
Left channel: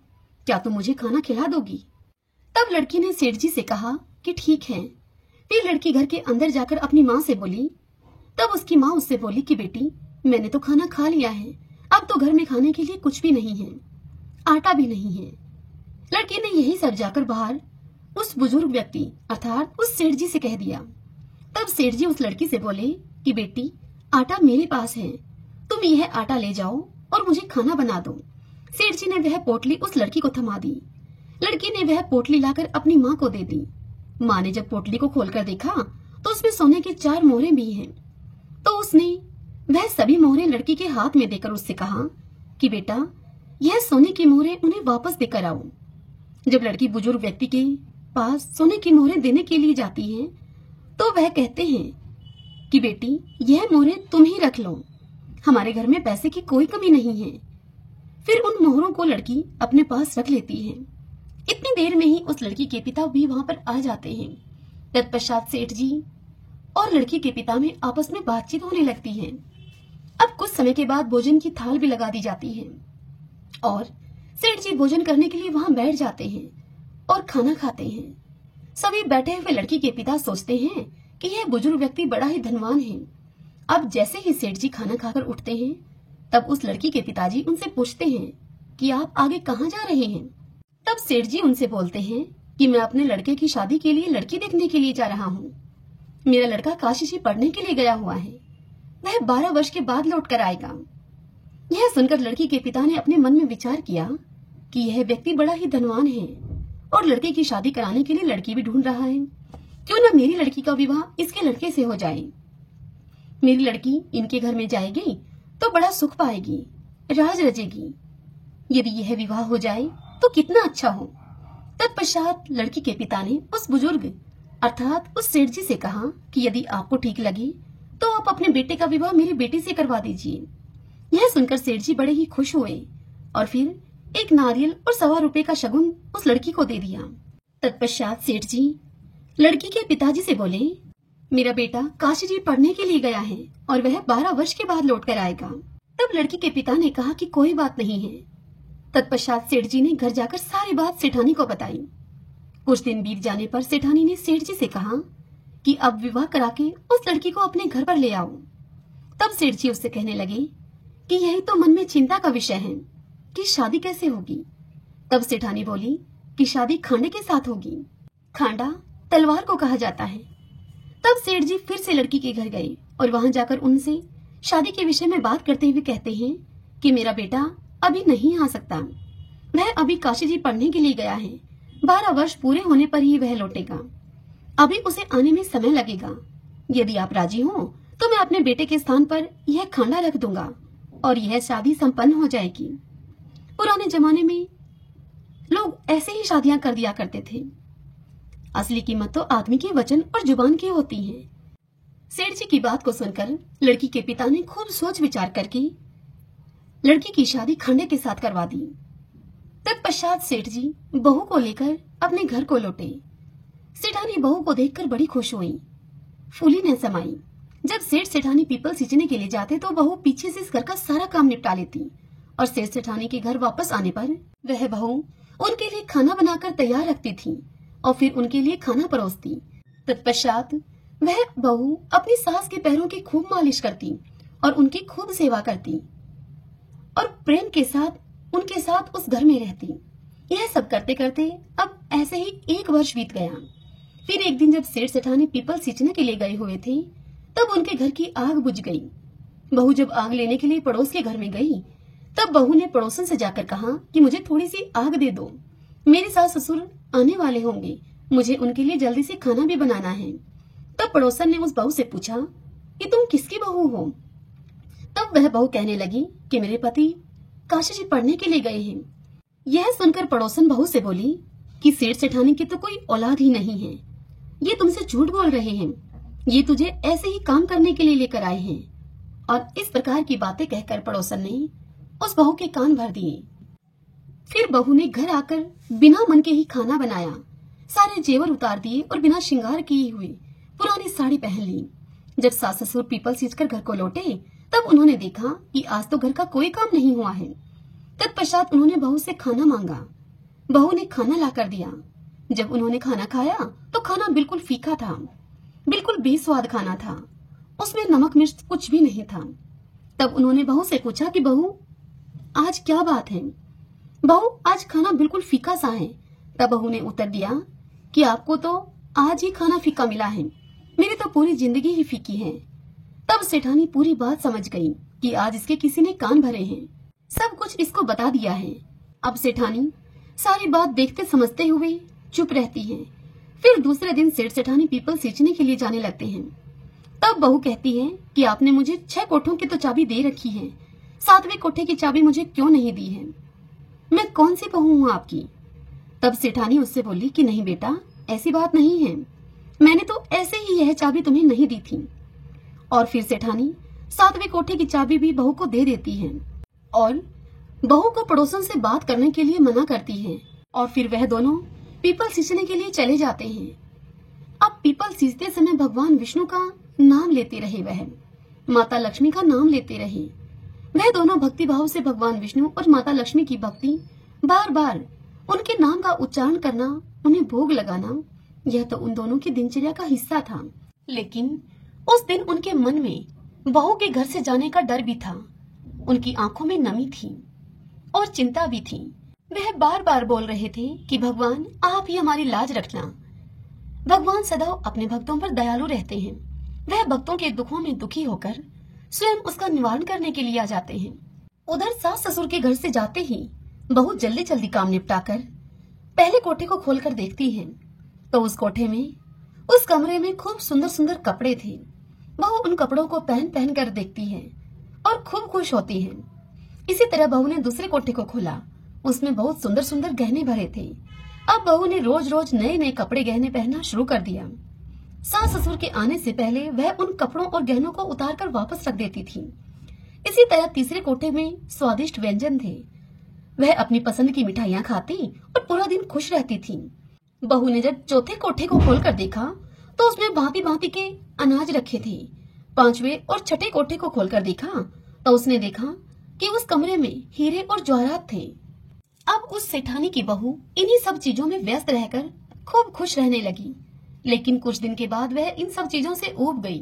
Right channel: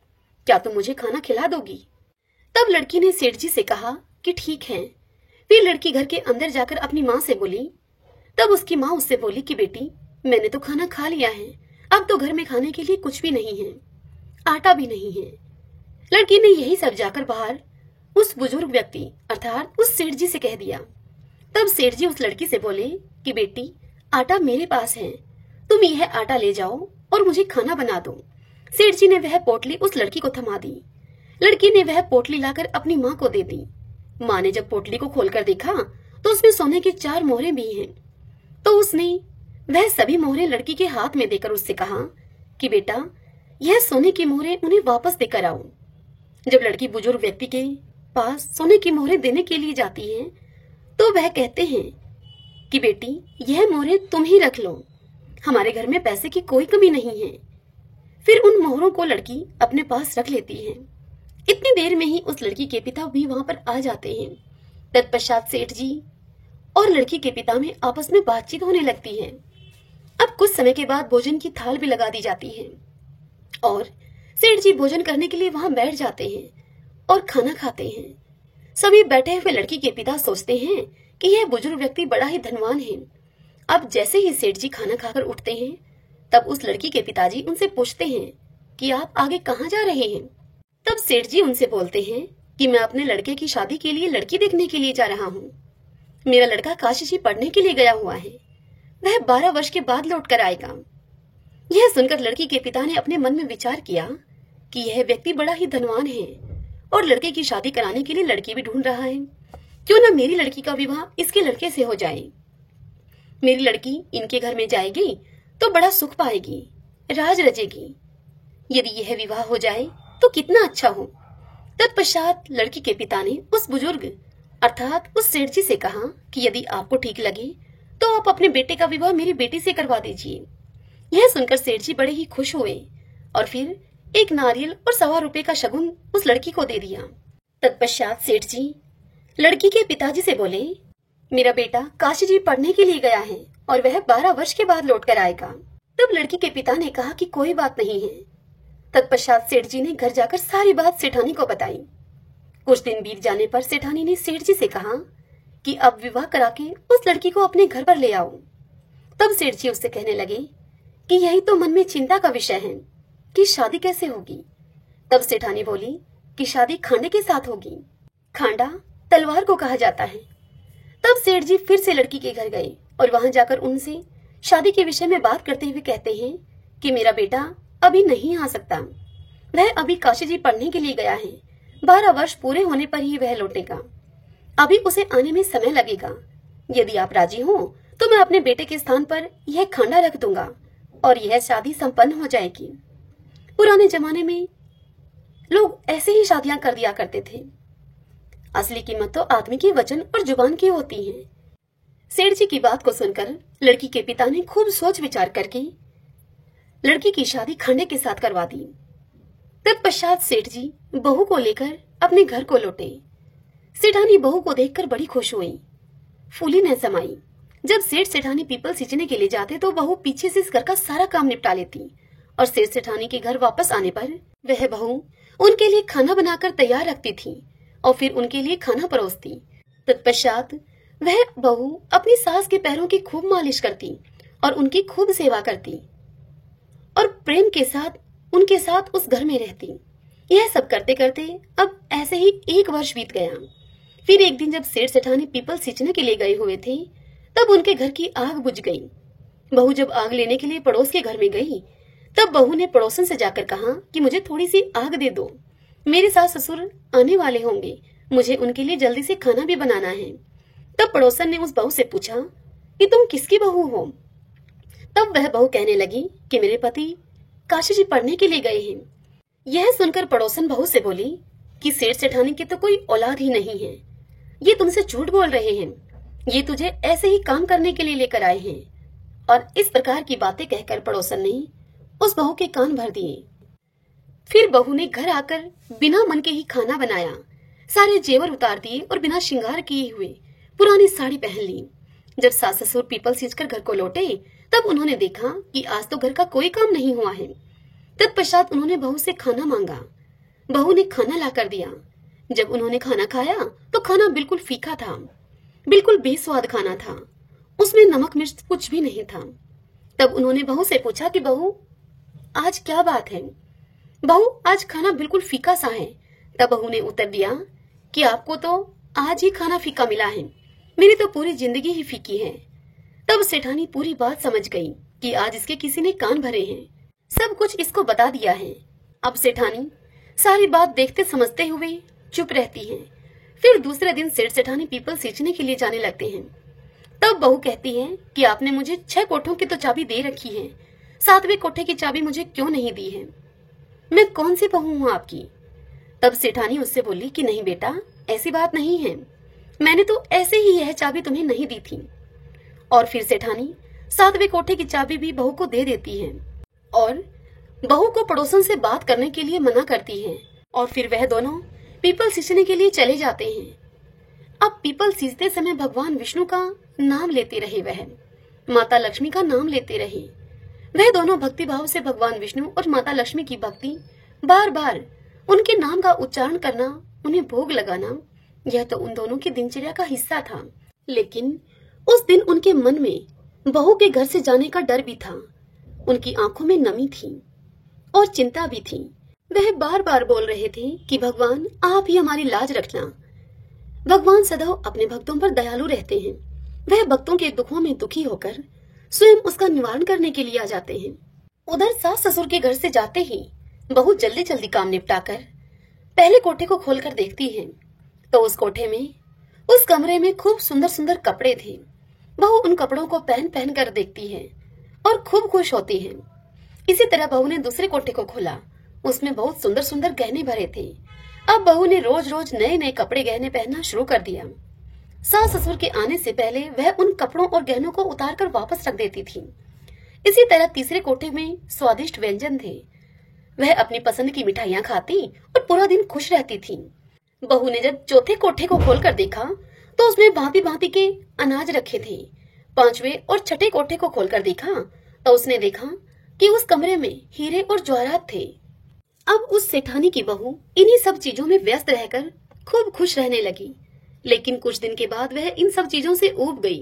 क्या तुम मुझे खाना खिला दोगी? तब लड़की ने सेठ जी से कहा कि ठीक है। फिर लड़की घर के अंदर जाकर अपनी माँ से बोली। तब उसकी माँ उससे बोली कि बेटी, मैंने तो खाना खा लिया है, अब तो घर में खाने के लिए कुछ भी नहीं है, आटा भी नहीं है। लड़की ने यही सब जाकर बाहर उस बुजुर्ग व्यक्ति अर्थात उस सेठ जी से कह दिया। तब सेठ जी उस लड़की से बोले कि बेटी, आटा मेरे पास है, तुम यह आटा ले जाओ और मुझे खाना बना दो। सेठ जी ने वह पोटली उस लड़की को थमा दी। लड़की ने वह पोटली लाकर अपनी माँ को दे दी। माँ ने जब पोटली को खोलकर देखा तो उसमें सोने की 4 मोहरें भी हैं। तो उसने वह सभी मोहरें लड़की के हाथ में देकर उससे कहा कि बेटा, यह सोने की मोहरें उन्हें वापस देकर आओ। जब लड़की बुजुर्ग व्यक्ति के पास सोने की मोहरें देने के लिए जाती है तो वह कहते हैं कि बेटी, यह मोहरें तुम ही रख लो, हमारे घर में पैसे की कोई कमी नहीं है। फिर उन मोहरों को लड़की अपने पास रख लेती है। इतनी देर में ही उस लड़की के पिता भी वहां पर आ जाते हैं। तत्पश्चात सेठ जी और लड़की के पिता में आपस में बातचीत होने लगती है। अब कुछ समय के बाद भोजन की थाल भी लगा दी जाती है और सेठ जी भोजन करने के लिए वहां बैठ जाते हैं और खाना खाते हैं। सभी बैठे हुए लड़की के पिता सोचते हैं कि यह बुजुर्ग व्यक्ति बड़ा ही धनवान है। अब जैसे ही सेठ जी खाना खाकर उठते हैं, तब उस लड़की के पिताजी उनसे पूछते हैं कि आप आगे कहाँ जा रहे हैं? तब सेठ जी उनसे बोलते हैं कि मैं अपने लड़के की शादी के लिए लड़की देखने के लिए जा रहा हूँ। मेरा लड़का काशी जी पढ़ने के लिए गया हुआ है, वह 12 वर्ष के बाद लौट कर आएगा। यह सुनकर लड़की के पिता ने अपने मन में विचार किया कि यह व्यक्ति बड़ा ही धनवान है और लड़के की शादी कराने के लिए लड़की भी ढूंढ रहा है। क्यों न मेरी लड़की का विवाह इसके लड़के से हो जाए। मेरी लड़की इनके घर में जाएगी तो बड़ा सुख पाएगी, राज रचेगी। यदि यह विवाह हो जाए तो कितना अच्छा हो। तत्पश्चात लड़की के पिता ने उस बुजुर्ग अर्थात उस सेठ जी से कहा कि यदि आपको ठीक लगे तो आप अपने बेटे का विवाह मेरी बेटी से करवा दीजिए। यह सुनकर सेठ जी बड़े ही खुश हुए और फिर एक नारियल और 1.25 रुपए का शगुन उस लड़की को दे दिया। तत्पश्चात सेठ जी लड़की के पिताजी से बोले, मेरा बेटा काशी जी पढ़ने के लिए गया है और वह 12 वर्ष के बाद लौट कर आएगा। तब लड़की के पिता ने कहा कि कोई बात नहीं है। तत्पश्चात सेठ जी ने घर जाकर सारी बात सेठानी को बताई। कुछ दिन बीत जाने पर सेठानी ने सेठ जी से कहा कि अब विवाह करा के उस लड़की को अपने घर पर ले आओ। तब सेठ जी उससे कहने लगे कि यही तो मन में चिंता का विषय है कि शादी कैसे होगी। तब सेठानी बोली कि शादी खांडे के साथ होगी। खांडा तलवार को कहा जाता है। तब सेठ जी फिर से लड़की के घर गए और वहां जाकर उनसे शादी के विषय में बात करते हुए कहते हैं कि मेरा बेटा अभी नहीं आ सकता, वह अभी काशी जी पढ़ने के लिए गया है। 12 वर्ष पूरे होने पर ही वह लौटेगा, अभी उसे आने में समय लगेगा। यदि आप राजी हो तो मैं अपने बेटे के स्थान पर यह खांडा रख दूंगा और यह शादी संपन्न हो जाएगी। पुराने जमाने में लोग ऐसे ही शादियां कर दिया करते थे। असली कीमत तो आदमी की वचन और जुबान की होती है। सेठ जी की बात को सुनकर लड़की के पिता ने खूब सोच विचार करके लड़की की शादी खांडे के साथ करवा दी। तत्पश्चात सेठ जी बहू को लेकर अपने घर को लौटे। सेठानी बहू को देखकर बड़ी खुश हुई, फूली न समाई। जब सेठ सेठानी पीपल सींचने के लिए जाते तो बहू पीछे से इस घर का सारा काम निपटा लेती और सेठ सेठानी के घर वापस आने पर वह बहू उनके लिए खाना बनाकर तैयार रखती थी और फिर उनके लिए खाना परोसती। तत्पश्चात वह बहू अपनी सास के पैरों की खूब मालिश करती और उनकी खूब सेवा करती और प्रेम के साथ उनके साथ उस घर में रहती। यह सब करते करते अब ऐसे ही 1 वर्ष बीत गया। फिर एक दिन जब सेठ सेठानी पीपल सींचने के लिए गए हुए थे तब उनके घर की आग बुझ गई। बहू जब आग लेने के लिए पड़ोस के घर में गई तब बहू ने पड़ोसन से जाकर कहा कि मुझे थोड़ी सी आग दे दो, मेरे सास ससुर आने वाले होंगे, मुझे उनके लिए जल्दी से खाना भी बनाना है। तब पड़ोसन ने उस बहू से पूछा कि तुम किसकी बहू हो? तब वह बहू कहने लगी कि मेरे पति काशी जी पढ़ने के लिए गए हैं। यह सुनकर पड़ोसन बहू से बोली कि सेठ सेठानी की तो कोई औलाद ही नहीं है, ये तुमसे झूठ बोल रहे हैं, ये तुझे ऐसे ही काम करने के लिए लेकर आए हैं। और इस प्रकार की बातें कहकर पड़ोसन ने उस बहू के कान भर दिए। फिर बहू ने घर आकर बिना मन के ही खाना बनाया, सारे जेवर उतार दिए और बिना श्रृंगार किए हुए पुरानी साड़ी पहन ली। जब सास ससुर पीपल सींचकर घर को लौटे तब उन्होंने देखा कि आज तो घर का कोई काम नहीं हुआ है। तत्पश्चात उन्होंने बहू से खाना मांगा। बहू ने खाना लाकर दिया। जब उन्होंने खाना खाया तो खाना बिल्कुल फीका था, बिल्कुल बेस्वाद खाना था, उसमें नमक मिर्च कुछ भी नहीं था। तब उन्होंने बहू से पूछा कि बहू आज क्या बात है? बहू आज खाना बिल्कुल फीका सा है। तब बहू ने उत्तर दिया कि आपको तो आज ही खाना फीका मिला है, मेरी तो पूरी जिंदगी ही फीकी है। तब सेठानी पूरी बात समझ गई कि आज इसके किसी ने कान भरे हैं, सब कुछ इसको बता दिया है। अब सेठानी सारी बात देखते समझते हुए चुप रहती है। फिर दूसरे दिन सेठ सेठानी पीपल सींचने के लिए जाने लगते हैं। तब बहू कहती है कि आपने मुझे 6 कोठों की तो चाबी दे रखी है, 7वें कोठे की चाबी मुझे क्यों नहीं दी है? मैं कौन सी बहू हूँ आपकी? तब सेठानी उससे बोली कि नहीं बेटा, ऐसी बात नहीं है, मैंने तो ऐसे ही यह चाबी तुम्हें नहीं दी थी। और फिर सेठानी 7वें कोठे की चाबी भी बहू को दे देती है और बहू को पड़ोसन से बात करने के लिए मना करती है। और फिर वह दोनों पीपल सींचने के लिए चले जाते हैं। अब पीपल सींचते समय भगवान विष्णु का नाम लेते रहे, वह माता लक्ष्मी का नाम लेते रहे। वह दोनों भक्ति भाव से भगवान विष्णु और माता लक्ष्मी की भक्ति, बार बार उनके नाम का उच्चारण करना, उन्हें भोग लगाना, यह तो उन दोनों की दिनचर्या का हिस्सा था। लेकिन उस दिन उनके मन में बहू के घर से जाने का डर भी था, उनकी आंखों में नमी थी और चिंता भी थी। वह बार बार बोल रहे थे कि भगवान आप ही हमारी लाज रखना। भगवान सदैव अपने भक्तों पर दयालु रहते हैं। वह भक्तों के दुखों में दुखी होकर स्वयं उसका निवारण करने के लिए आ जाते हैं। उधर सास ससुर के घर से जाते ही बहू जल्दी जल्दी काम निपटाकर पहले कोठे को खोलकर देखती है तो उस कोठे में, उस कमरे में खूब सुंदर सुंदर कपड़े थे। बहू उन कपड़ों को पहन पहन कर देखती है और खूब खुश होती है। इसी तरह बहू ने दूसरे कोठे को खोला, उसमें बहुत सुंदर सुंदर गहने भरे थे। अब बहू ने रोज रोज नए नए कपड़े गहने पहनना शुरू कर दिया। सास ससुर के आने से पहले वह उन कपड़ों और गहनों को उतार कर वापस रख देती थी। इसी तरह तीसरे कोठे में स्वादिष्ट व्यंजन थे। वह अपनी पसंद की मिठाइयाँ खाती और पूरा दिन खुश रहती थी। बहू ने जब चौथे कोठे को खोलकर देखा तो उसमें भांति भांति के अनाज रखे थे। 5वें और 6ठे कोठे को खोलकर देखा तो उसने देखा कि उस कमरे में हीरे और जवाहरात थे। अब उस सेठानी की बहू इन्हीं सब चीजों में व्यस्त रहकर खूब खुश रहने लगी। लेकिन कुछ दिन के बाद वह इन सब चीजों से ऊब गई।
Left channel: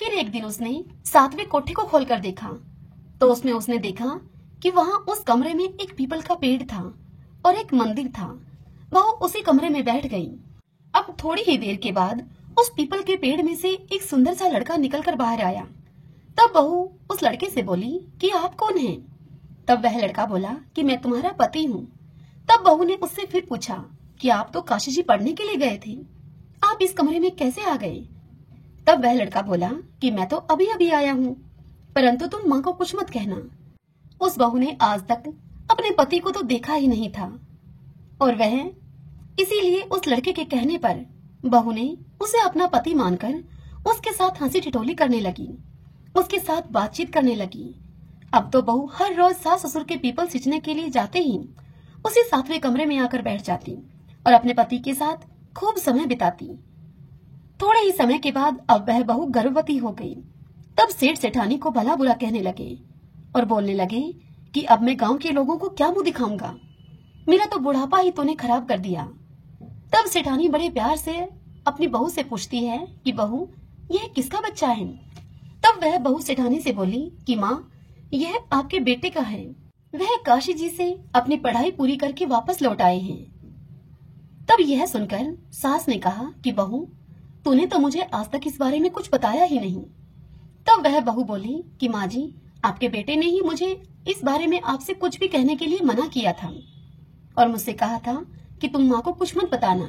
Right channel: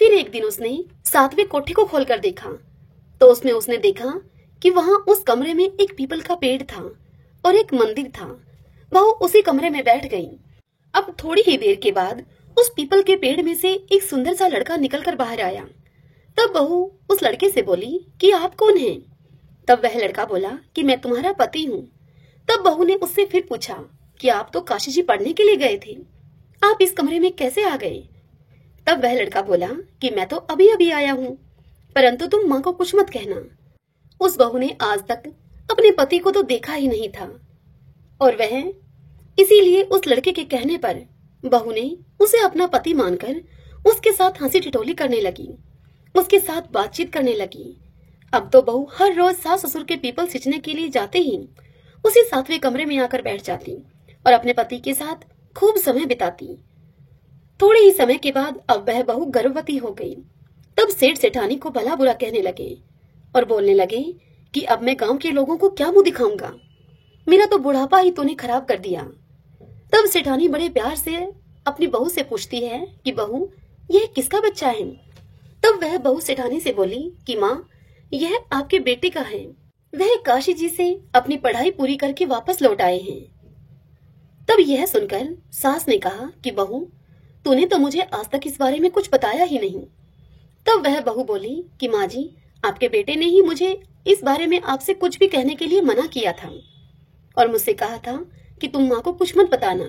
फिर एक दिन उसने 7वें कोठे को खोलकर देखा तो उसमें उसने देखा कि वहाँ उस कमरे में एक पीपल का पेड़ था और एक मंदिर था। वह उसी कमरे में बैठ गई। अब थोड़ी ही देर के बाद उस पीपल के पेड़ में से एक सुंदर सा लड़का निकलकर बाहर आया। तब बहू उस लड़के से बोली कि आप कौन हैं? तब वह लड़का बोला कि मैं तुम्हारा पति हूँ। तब बहू ने उससे फिर पूछा कि आप तो काशी जी पढ़ने के लिए गए थे, आप इस कमरे में कैसे आ गए? तब वह लड़का बोला कि मैं तो अभी अभी आया हूँ, परंतु तुम माँ को कुछ मत कहना। उस बहू ने आज तक अपने पति को तो देखा ही नहीं था और वह इसीलिए उस लड़के के कहने पर बहू ने उसे अपना पति मानकर उसके साथ हंसी ठिठोली करने लगी, उसके साथ बातचीत करने लगी। अब तो बहू हर रोज सास ससुर के पीपल सींचने के लिए जाते ही उसी 7वें कमरे में आकर बैठ जाती और अपने पति के साथ खूब समय बिताती। थोड़े ही समय के बाद अब वह बहू गर्भवती हो गई। तब सेठ सेठानी को भला बुरा कहने लगे और बोलने लगे कि अब मैं गांव के लोगों को क्या मुंह दिखाऊंगा, मेरा तो बुढ़ापा ही तूने खराब कर दिया। तब सेठानी बड़े प्यार से अपनी बहू से पूछती है कि बहू, यह किसका बच्चा है? तब वह बहू सेठानी से बोली कि माँ, यह आपके बेटे का है, वह काशी जी से अपनी पढ़ाई पूरी करके वापस लौट आए हैं। तब यह सुनकर सास ने कहा कि बहू, तूने तो मुझे आज तक इस बारे में कुछ बताया ही नहीं। तब वह बहू बोली कि माँ जी, आपके बेटे ने ही मुझे इस बारे में आपसे कुछ भी कहने के लिए मना किया था और मुझसे कहा था कि तुम माँ को कुछ मत बताना।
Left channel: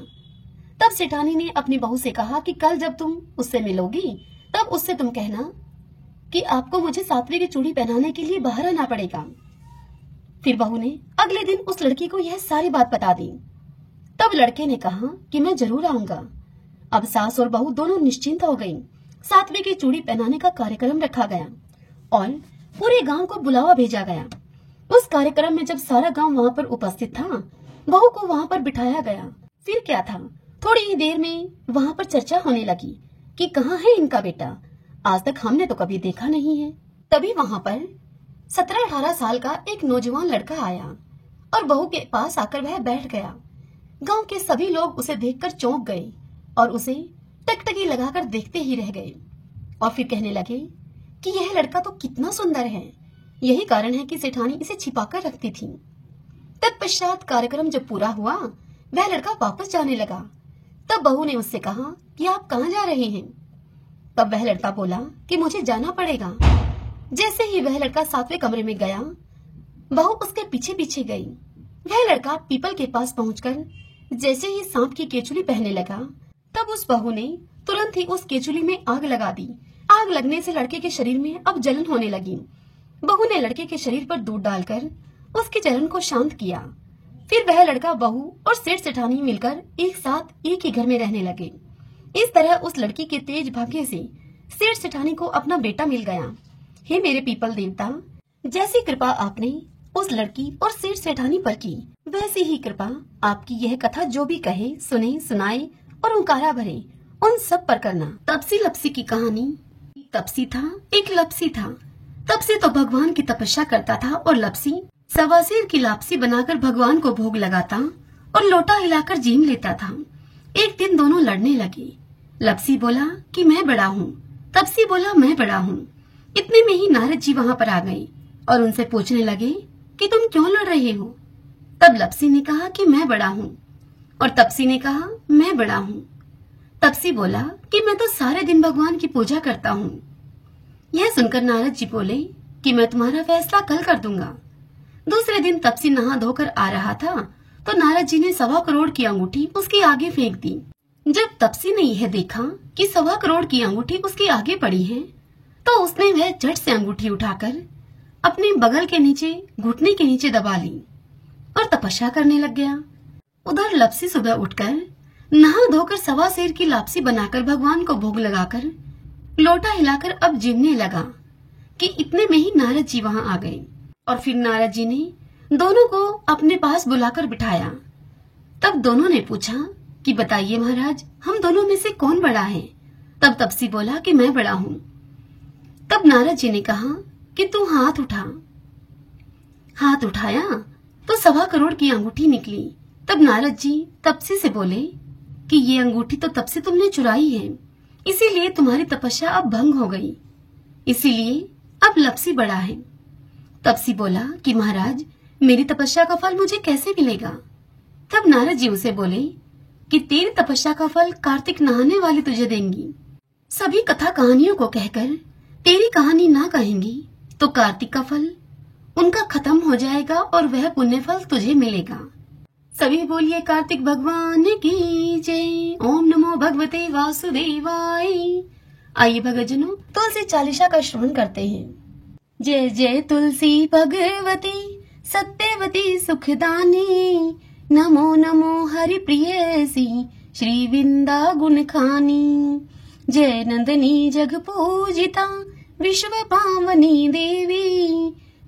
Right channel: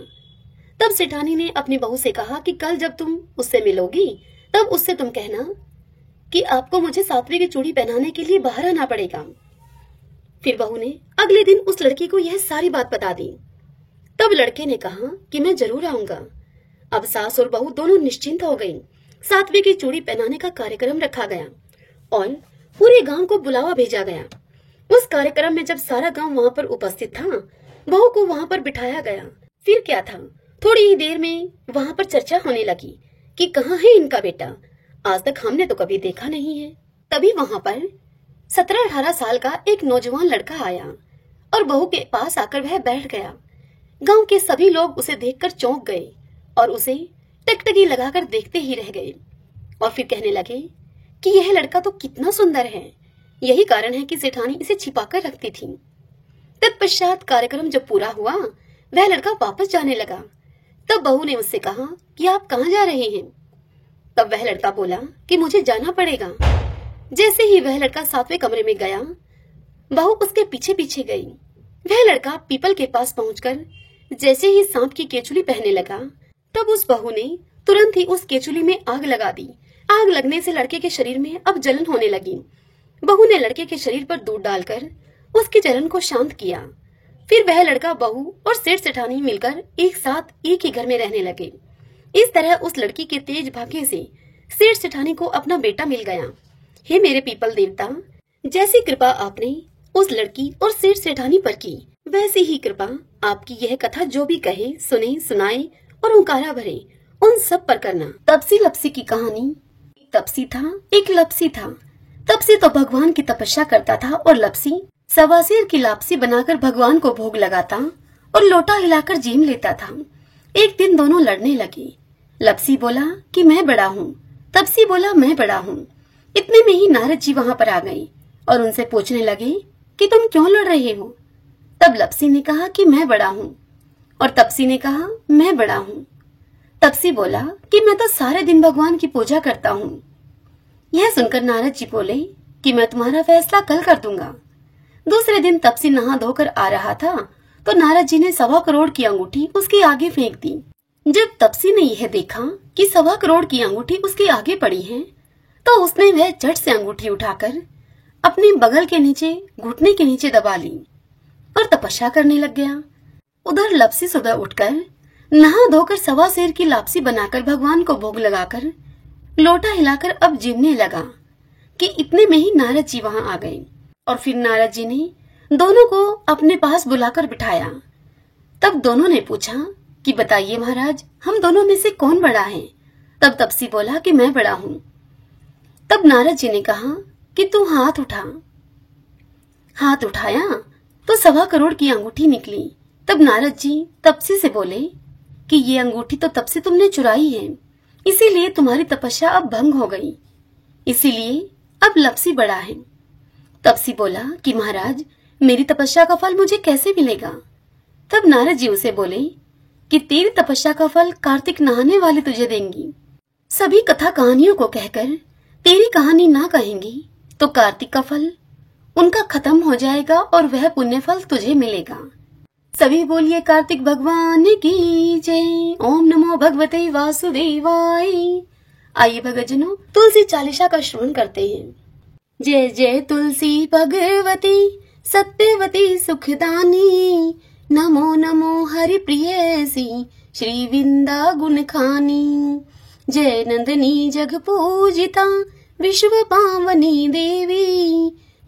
तब सेठानी ने अपनी बहू से कहा कि कल जब तुम उससे मिलोगी तब उससे तुम कहना कि आपको मुझे सातवें की चूड़ी पहनाने के लिए बाहर आना पड़ेगा। फिर बहू ने अगले दिन उस लड़की को यह सारी बात बता दी। तब लड़के ने कहा कि मैं जरूर आऊंगा। अब सास और बहू दोनों निश्चिंत हो गईं। सातवें की चूड़ी पहनाने का कार्यक्रम रखा गया और पूरे गांव को बुलावा भेजा गया। उस कार्यक्रम में जब सारा गांव वहां पर उपस्थित था, बहू को वहां पर बिठाया गया। फिर क्या था, थोड़ी ही देर में वहां पर चर्चा होने लगी कि कहाँ है इनका बेटा, आज तक हमने तो कभी देखा नहीं है। तभी वहां पर 17-18 साल का एक नौजवान लड़का आया और बहू के पास आकर वह बैठ गया। गांव के सभी लोग उसे देखकर चौंक गए और उसे टकटकी लगाकर देखते ही रह गए और फिर कहने लगे कि यह लड़का तो कितना सुंदर है, यही कारण है कि सेठानी इसे छिपाकर रखती थी। तत्पश्चात कार्यक्रम जब पूरा हुआ, वह लड़का वापस जाने लगा। तब बहू ने उससे कहा कि आप कहाँ जा रहे हैं? तब वह लड़का बोला कि मुझे जाना पड़ेगा। जैसे ही वह लड़का सातवें कमरे में गया, बहू उसके पीछे पीछे गई। वह लड़का पीपल के पास पहुंचकर जैसे ही सांप की केचुली पहनने लगा, तब उस बहू ने तुरंत ही उस केचुली में आग लगा दी। आग लगने से लड़के के शरीर में अब जलन होने लगी। बहू ने लड़के के शरीर पर दूध डालकर उसकी जलन को शांत किया। फिर वह लड़का, बहू और सेठ सेठानी मिलकर एक साथ एक ही घर में रहने लगे। इस तरह उस लड़की के तेज भाग्य से सेठ सेठानी को अपना बेटा मिल गया। हे मेरे पीपल देवता, जैसी कृपा आपने उस लड़की और सेठ सेठानी पर की, वैसी ही कृपा आपकी यह कथा जो भी कहे, सुने, सुनाए और ओंकारा भरे, उन सब पर करना। तपसी लपसी की कहानी। तपसी था, एक लपसी था। तपसी तो भगवान की तपस्या करता था और लपसी सवासीर की लापसी बनाकर भगवान को भोग लगाता और लोटा हिलाकर जीम लेता था। एक दिन दोनों लड़ने लगे। लपसी बोला कि मैं बड़ा हूँ, तपसी बोला मैं बड़ा हूँ। इतने में ही नारद जी वहाँ पर आ गए और उनसे पूछने लगे कि तुम क्यों लड़ रहे हो? तब लपसी ने कहा कि मैं बड़ा हूँ और तपसी ने कहा मैं बड़ा हूँ। तपसी बोला कि मैं तो सारे दिन भगवान की पूजा करता हूँ। यह सुनकर नारद जी बोले कि मैं तुम्हारा फैसला कल कर दूंगा। दूसरे दिन तपसी नहा धोकर आ रहा था तो नारद जी ने 1.25 करोड़ की अंगूठी उसके आगे फेंक दी। जब तपसी ने यह देखा कि 1.25 करोड़ की अंगूठी उसके आगे पड़ी है, तो उसने वह झट से अंगूठी उठाकर अपने बगल के नीचे, घुटने के नीचे दबा ली और तपस्या करने लग गया। उधर लपसी सुबह उठकर नहा धोकर 1.25 सेर की लापसी बनाकर भगवान को भोग लगाकर लोटा हिलाकर अब जीवने लगा कि इतने में ही नारद जी वहां आ गए और फिर नारद जी ने दोनों को अपने पास बुलाकर बिठाया। तब दोनों ने पूछा कि बताइए महाराज, हम दोनों में से कौन बड़ा है? तब तपसी बोला कि मैं बड़ा हूँ। तब नारद जी ने कहा कि तू हाथ उठा। हाथ उठाया तो 1.25 करोड़ की अंगूठी निकली। तब नारद जी तपसी से बोले कि ये अंगूठी तो तब से तुमने चुराई है, इसीलिए तुम्हारी तपस्या अब भंग हो गई, इसीलिए अब लपसी बड़ा है। तपसी बोला कि महाराज, मेरी तपस्या का फल मुझे कैसे मिलेगा? तब नारद जी उसे बोले कि तेरी तपस्या का फल कार्तिक नहाने वाले तुझे देंगी। सभी कथा कहानियों को कहकर तेरी कहानी ना कहेंगी तो कार्तिक का फल उनका खत्म हो जाएगा और वह पुण्य फल तुझे मिलेगा। सभी बोलिए कार्तिक भगवान की जय। ओम नमो भगवते वासुदेवाय। आइए भगतजनों, तुलसी चालीसा का श्रवण करते हैं। जय जय तुलसी भगवती सत्यवती सुखदानी, नमो नमो हरि प्रियसी श्री विंदा गुण खानी। जय नंदनी जग पूजिता विश्व पावनी देवी,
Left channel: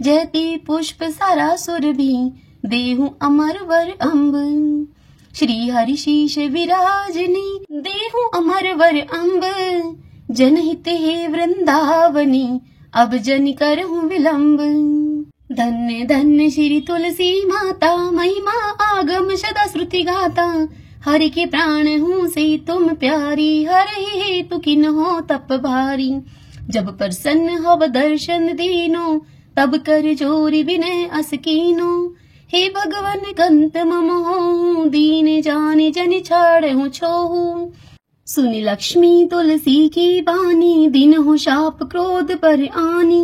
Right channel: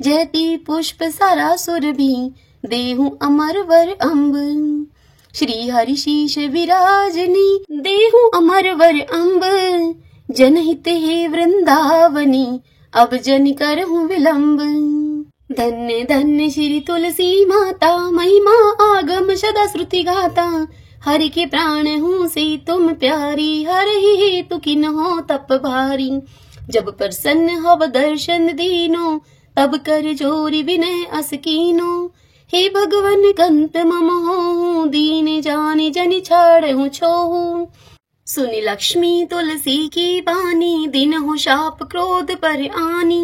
जयति पुष्प सारा सुरभि देहु अमर वर अम्ब। श्री हरि शीश विराजनी देहु अमर वर अम्ब, जनहित हे वृंदावनी अब जन करहूँ विलंब। धन्य धन्य श्री तुलसी माता महिमा आगम सदा श्रुति गाता। हरि के प्राण हूँ से तुम प्यारी हर ही हेतु किन हो तप भारी। जब प्रसन्न हव दर्शन दीनो तब कर जोरी विनय अस कीनो। हे भगवन कंत मम हो दीन जाने जन छाड़ हो छोहू। सुनि लक्ष्मी तुलसी की बानी दिन हो शाप क्रोध पर आनी।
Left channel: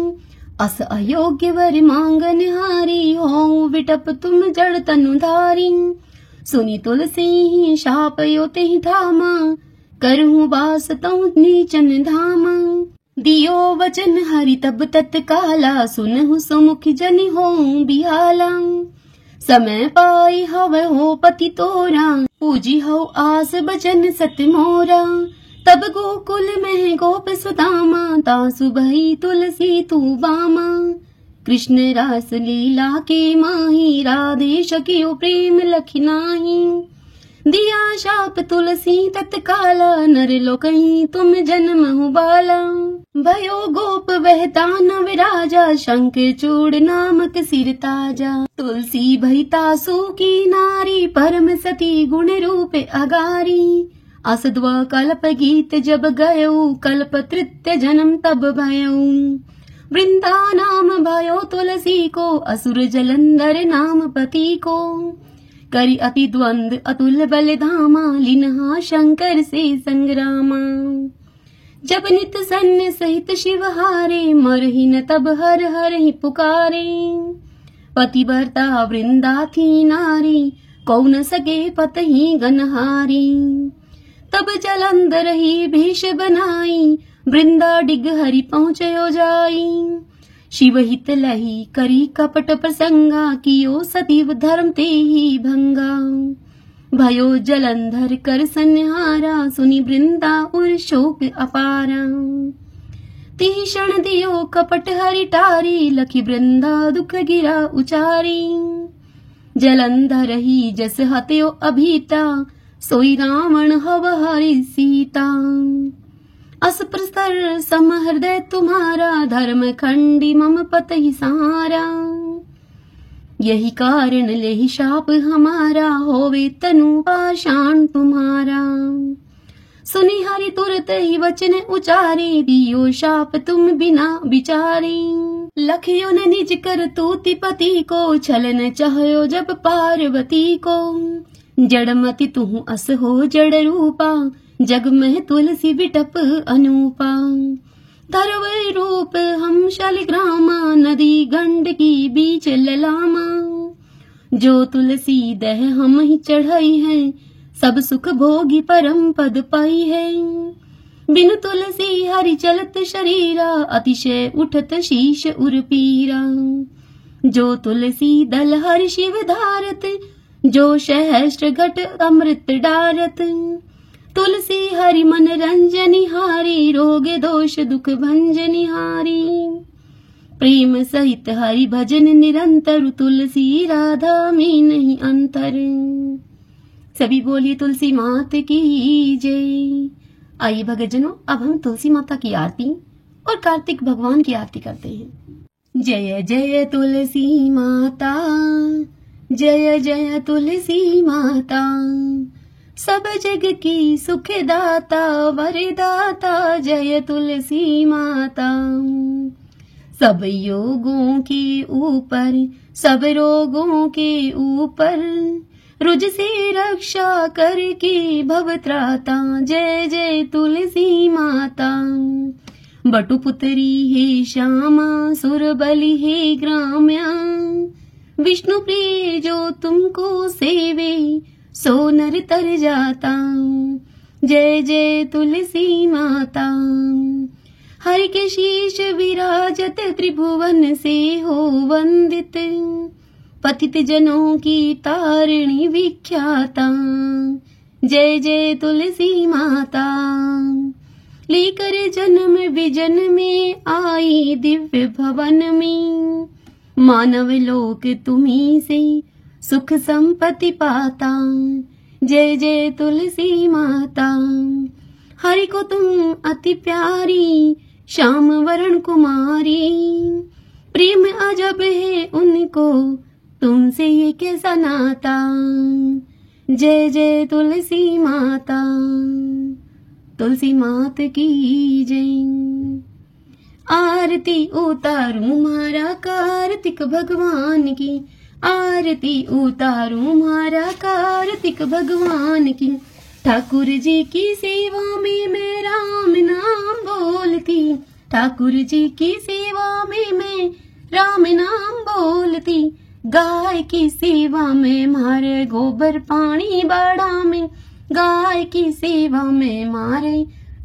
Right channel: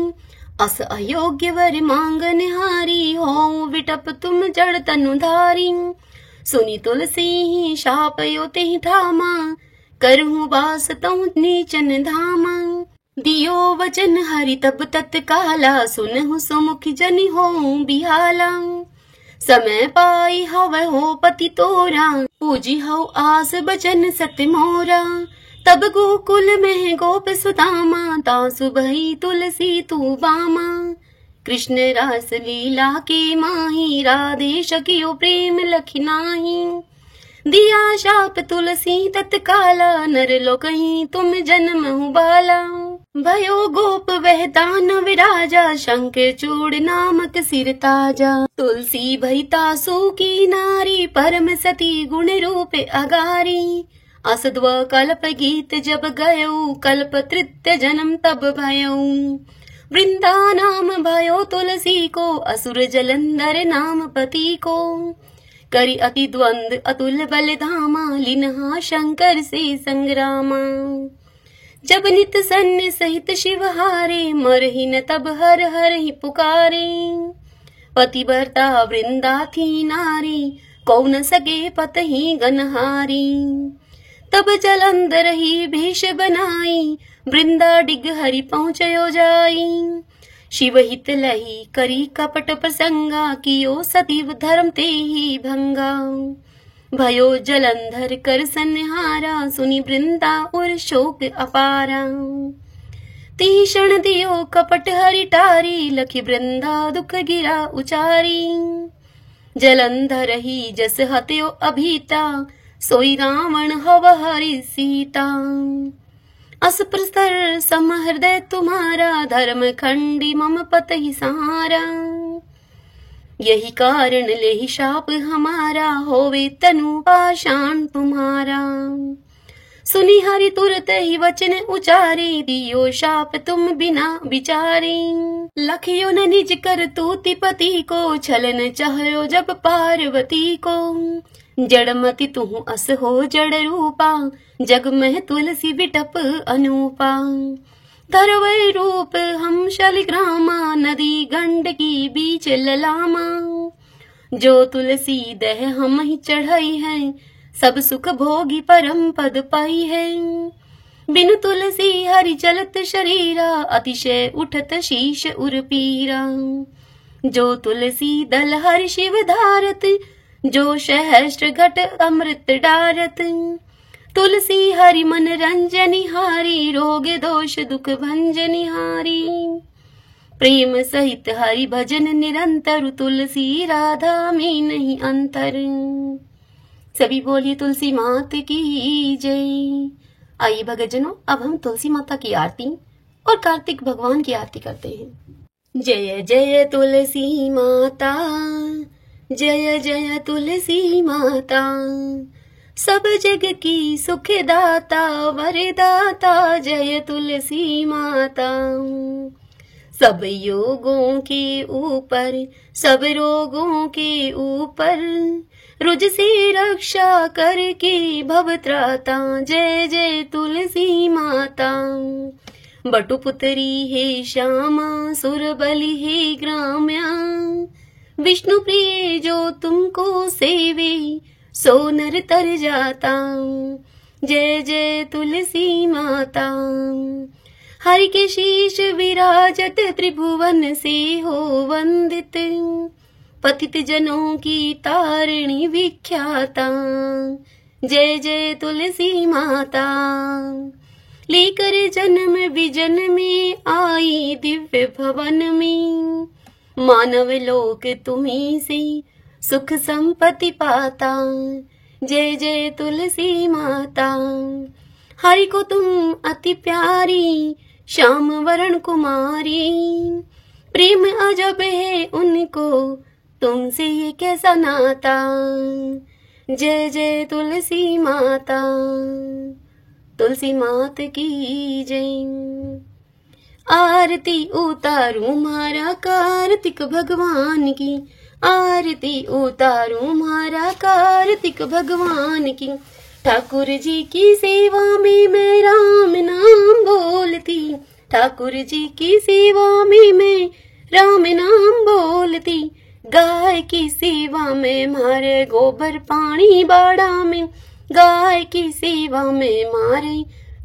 अस अयोग्य वर मांगन हारी हो विटप तुम जड़ तनु धारी। सुनी तुलसी शाप योति धामा करहूँ बास तो नीचन धामा। दियो वचन हरि तब तत्काला सुनहु सुमुख जन हो बिहाला। समय पाई हव हो पति तोरा पूजी हो आस बचन सत्य मोरा। तब गोकुल में गोप सुदामा तासु भई तुलसी तू बामा। कृष्ण रास लीला के माही राधे शकियो प्रेम लखिनाही। दिया शाप तुलसी तत्काला नर लोकहि तुम जन्म बाला। भयो गोप वह दानव राजा शंख चूड़ नामक सिर ताजा। तुलसी भई तासु की नारी परम सती गुण रूप अगारी। असद्व कल्प गीत जब गयो कल्प तृतीय जन्म तब भयो। वृंदा नाम भयो तुलसी को असुर जलंधर नाम पति को। करी अति द्वंद अतुल बल धामा लिनहा शंकर से संग्रामा। जब नित सन्य सहित शिव हारे मरहिन तब हर हर ही पुकारे। पतिव्रता वृंदा थी नारी कौ न सके पतहि गनहारी। तब जलंधर ही भेष बनाई वृंदा डिग हरि पहुँचयो जाई। शिव हित लही करी कपट प्रसंगा कियो सतीव धर्म ते ही भंगा। भयो जलंधर कर संहारा सुनी वृंदा और शोक अपारा। तीषण दियो कपट हरि टारी लखी वृंदा दुख गिरा उचारी। जलंधर ही जस हत्यो अभीता सोई रावण हव हरि सीता। अस प्रस्तर सम हृदय तुम्हारा धर्म खंडी मम पति सहारा। यही कारण लेहि शाप हमारा होवे तनु पाषाण तुम्हारा। सुनी हरि तुरत ही वचन उचारे दियो शाप तुम बिना विचारे। लखियो न निज कर तूति पति को छलन चाह्यो जब पार्वती को। जड़मति तुहु अस हो जड़ रूपा जग में तुलसी विटप अनूपा। तरवै रूप हम शलिग्रामा नदी गंडकी बीच ललामा। जो तुलसी दह हम ही चढ़ाई है सब सुख भोगी परम पद पाई है। बिनु तुलसी हरि चलत शरीरा अतिशय उठत शीश उर पीरा। जो तुलसी दल हरि शिव धारत जो सहस्त्र घट अमृत डारत। तुलसी हरि मन रंजनि हारी रोग दोष दुख भंजनि हारी। प्रेम सहित हरि भजन निरंतर तुलसी राधा में नहीं अंतर। सभी बोलिए तुलसी माता की जय। आइए भक्तजनों अब हम तुलसी माता की आरती और कार्तिक भगवान की आरती करते हैं। जय जय तुलसी माता जय जय तुलसी माता। सब जग की सुख दाता वरदाता जय तुलसी माता। सब योगों के ऊपर सब रोगों के ऊपर रुज से रक्षा करके भवत्राता जय जय तुलसी माता। बटुपुत्री हे श्यामा सुर बलि हे ग्राम्या। विष्णु प्रिय जो तुमको सेवे सो नर तर जाता जय जय तुलसी माता। हरि के शीश विराजत त्रिभुवन से हो वंदित। पतित जनों की तारिणी विख्याता जय जय तुलसी माता। लेकर जन्म विजन में आई दिव्य भवन में। मानव लोक तुम्ही से सुख संपत्ति पाता जय जय तुलसी माता। हरि को तुम अति प्यारी, श्याम वरण कुमारी। प्रेम अजब है उनको, तुमसे ये कैसा नाता। जय जय तुलसी माता, तुलसी मात की जय। आरती उतारूं मारा कार्तिक भगवान की, आरती उतारूं मारा कार्तिक भगवान की। ठाकुर जी की सेवा में मैं राम नाम बोलती, ठाकुर जी की सेवा में मैं राम नाम बोलती। गाय की सेवा में मारे गोबर पानी बाड़ा में, गाय की सेवा में मारे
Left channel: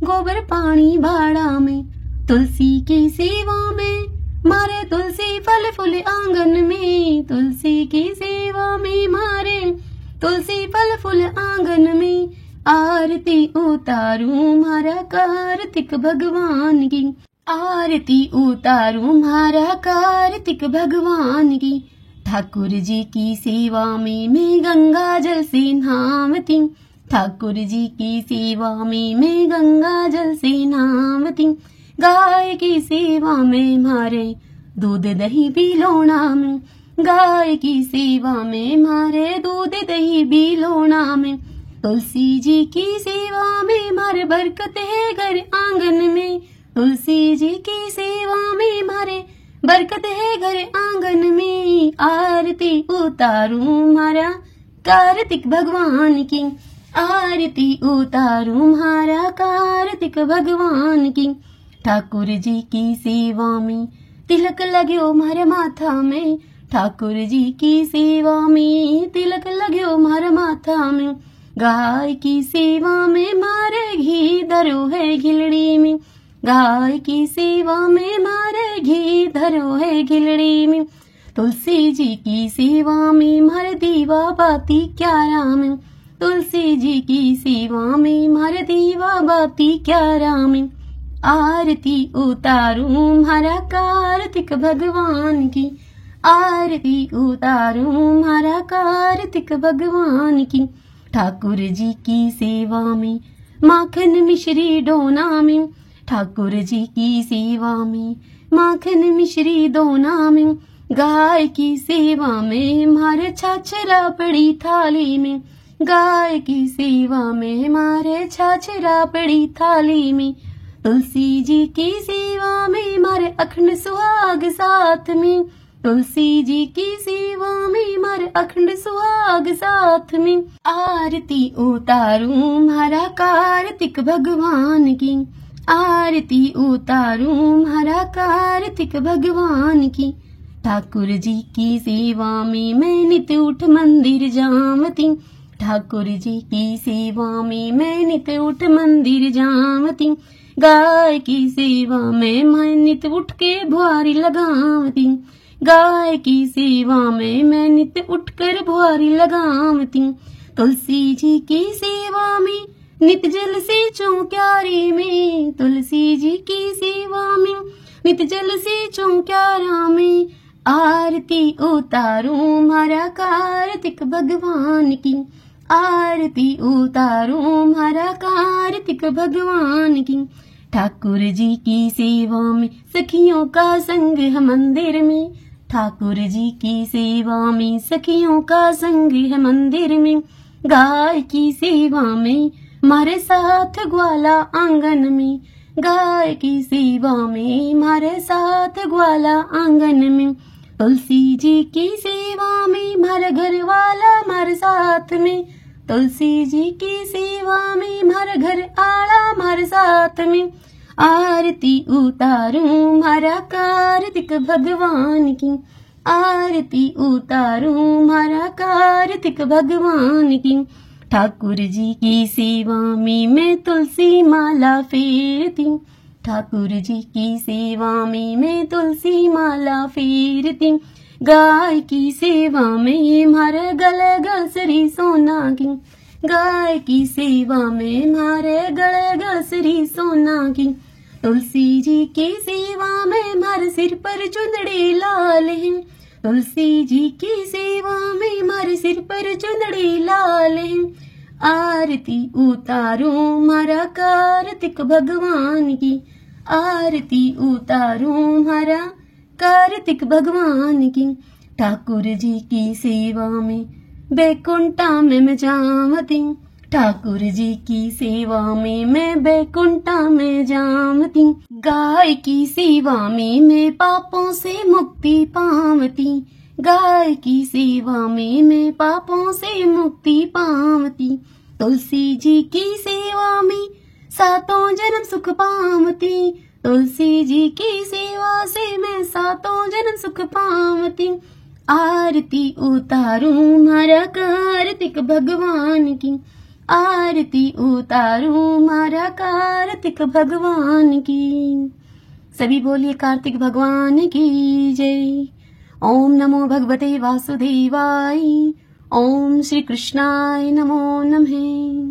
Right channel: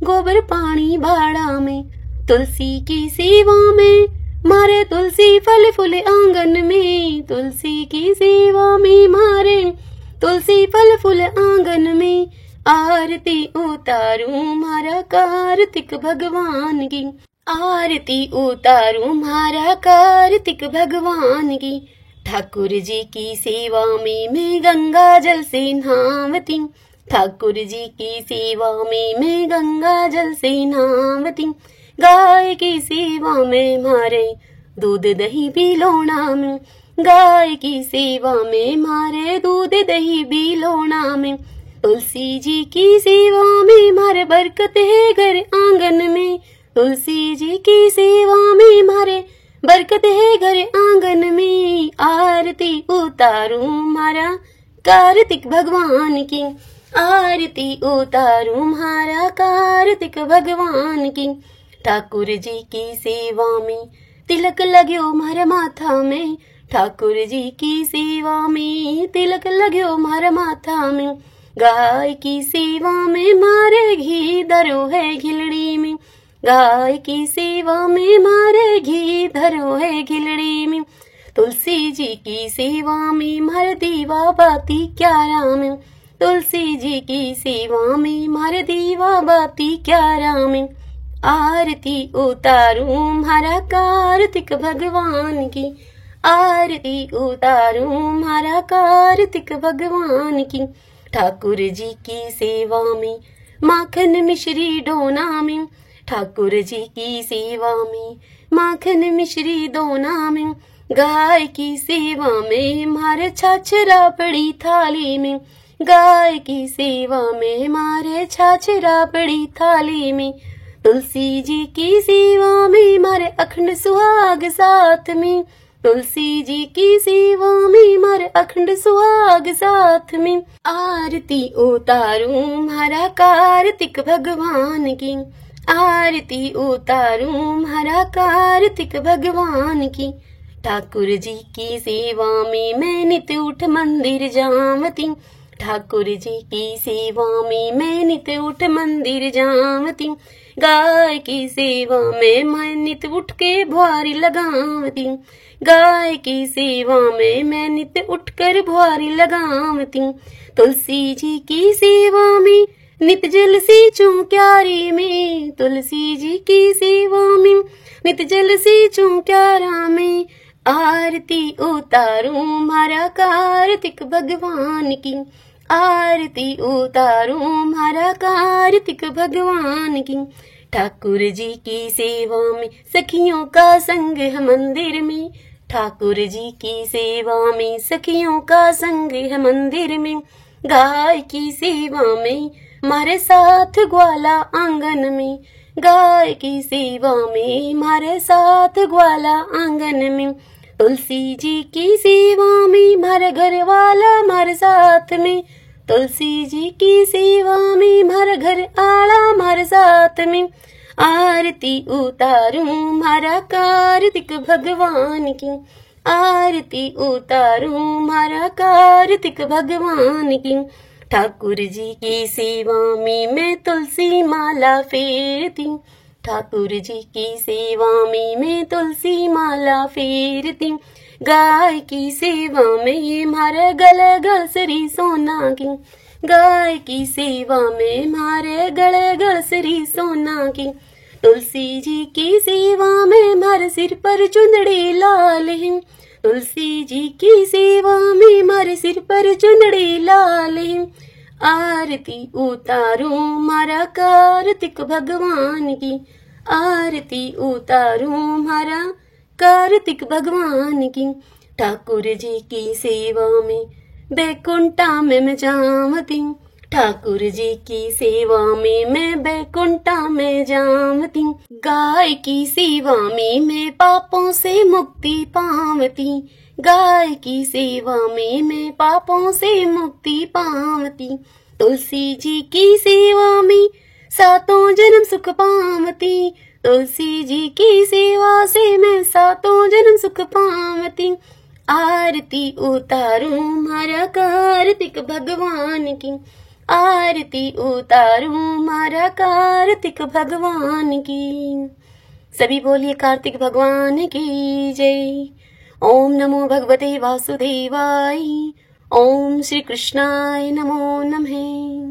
गोबर पानी बाड़ा में। तुलसी की सेवा में मारे तुलसी फल फूल आंगन में, तुलसी की सेवा में मारे तुलसी फल फूल आंगन में। आरती उतारूं मारा कार्तिक भगवान की, आरती उतारूं मारा कार्तिक भगवान की। ठाकुर जी की सेवा में मैं गंगा जल से नहावती, ठाकुर जी की सेवा में मैं गंगा जल से नहावती। गाय की सेवा में मारे दूध दही बिलोना में, गाय की सेवा में मारे दूध दही बिलोना में। तुलसी जी की सेवा में मारे बरकत है घर आंगन में, तुलसी जी की सेवा में मारे बरकत है घर आंगन में। आरती उतारूं मारा कार्तिक भगवान की, आरती उतारूं मारा कार्तिक भगवान की। ठाकुर जी की सेवा में तिलक लगो मारे माथा में, ठाकुर जी की सेवा में तिलक लगो मारे माथा में। गाय की सेवा में मारे घी धरो है घिलड़ी में, गाय की सेवा में मारे घी धरो है घिलड़ी में। तुलसी जी की सेवा में मारे दीवा बाती क्यारा में, तुलसी जी की सेवा में मारे दीवा बाती क्यारा में। आरती उतारूं मारा कार्तिक भगवान की, आरती उतारूं मारा कार्तिक भगवान की। ठाकुर जी की सेवा में माखन मिश्री डोना में, ठाकुर जी की सेवा में माखन मिश्री डोना में। गाय की सेवा में मारे छाछरा पड़ी थाली में, गाय की सेवा में मारे छाछरा पड़ी थाली में। तुलसी जी की सेवा में मारे अखंड सुहाग साथ में, तुलसी जी की सेवा में मारे अखंड सुहाग साथ में। आरती उतारूं मारा कार्तिक भगवान की, आरती उतारूं मारा कार्तिक भगवान की। ठाकुर जी की सेवा में मैं नित उठ मंदिर जावती, ठाकुर जी की सेवा में मैं नित उठ मंदिर जावती। गाय की सेवा में मैं नित उठ के बुआरी लगावती, गाय की सेवा में मैं नित उठकर बुआरी लगावती। तुलसी जी की सेवा में नित जल से क्यारी में, तुलसी जी की सेवा में नित जल से क्यारा में। आरती उतारूं मारा कार्तिक भगवान की, आरती उतारूं मारा कार्तिक भगवान की। ठाकुर जी की सेवा में सखियों का संग है मंदिर में, ठाकुर जी की सेवा में सखियों का संग है मंदिर में। गाय की सेवा में मारे साथ ग्वाला आंगन में, गाय की सेवा में मारे साथ ग्वाला आंगन में। तुलसी जी की सेवा में मारे घर वाला मारे साथ में, तुलसी जी की सेवा में मारे घर आला मारे साथ में। आरती उतारूं मारा कार्तिक भगवान की, आरती उतारूं मारा कार्तिक भगवान की। ठाकुर जी की सेवा में मैं तुलसी माला फेरती, ठाकुर जी की सेवा में मैं तुलसी माला फेरती। गाय की सेवा में मारे गले गलसरी सोना की, गाय की सेवा में मारे गले गलसरी सोना की। तुलसी जी की सेवा में मारे सिर पर चुंदड़ी लाल है, तुलसी जी की सेवा में मारे सिर पर चुंदड़ी लाल है। आरती उतारो मारा कार्तिक भगवान की, आरती उतारो मारा कार्तिक भगवान की। ठाकुर जी की सेवा में बैकुंठा में मैं जावती, ठाकुर जी की सेवा में मैं बैकुंठा में जावती। गाय की सेवा में मैं पापों से मुक्ति पावती, गाय की सेवा में मैं पापों से मुक्ति पावती। तुलसी जी की सेवा में सातों जन्म सुख पावती, तुलसी जी की सेवा से मैं सातों जन्म सुख पावती। आरती उतारूं मारा कार्तिक भगवान की, आरती उतारूं मारा कार्तिक भगवान की। सभी बोलिए कार्तिक भगवान की जय। ओम नमो भगवते वासुदेवाय, ओम श्री कृष्णाय नमो नमः।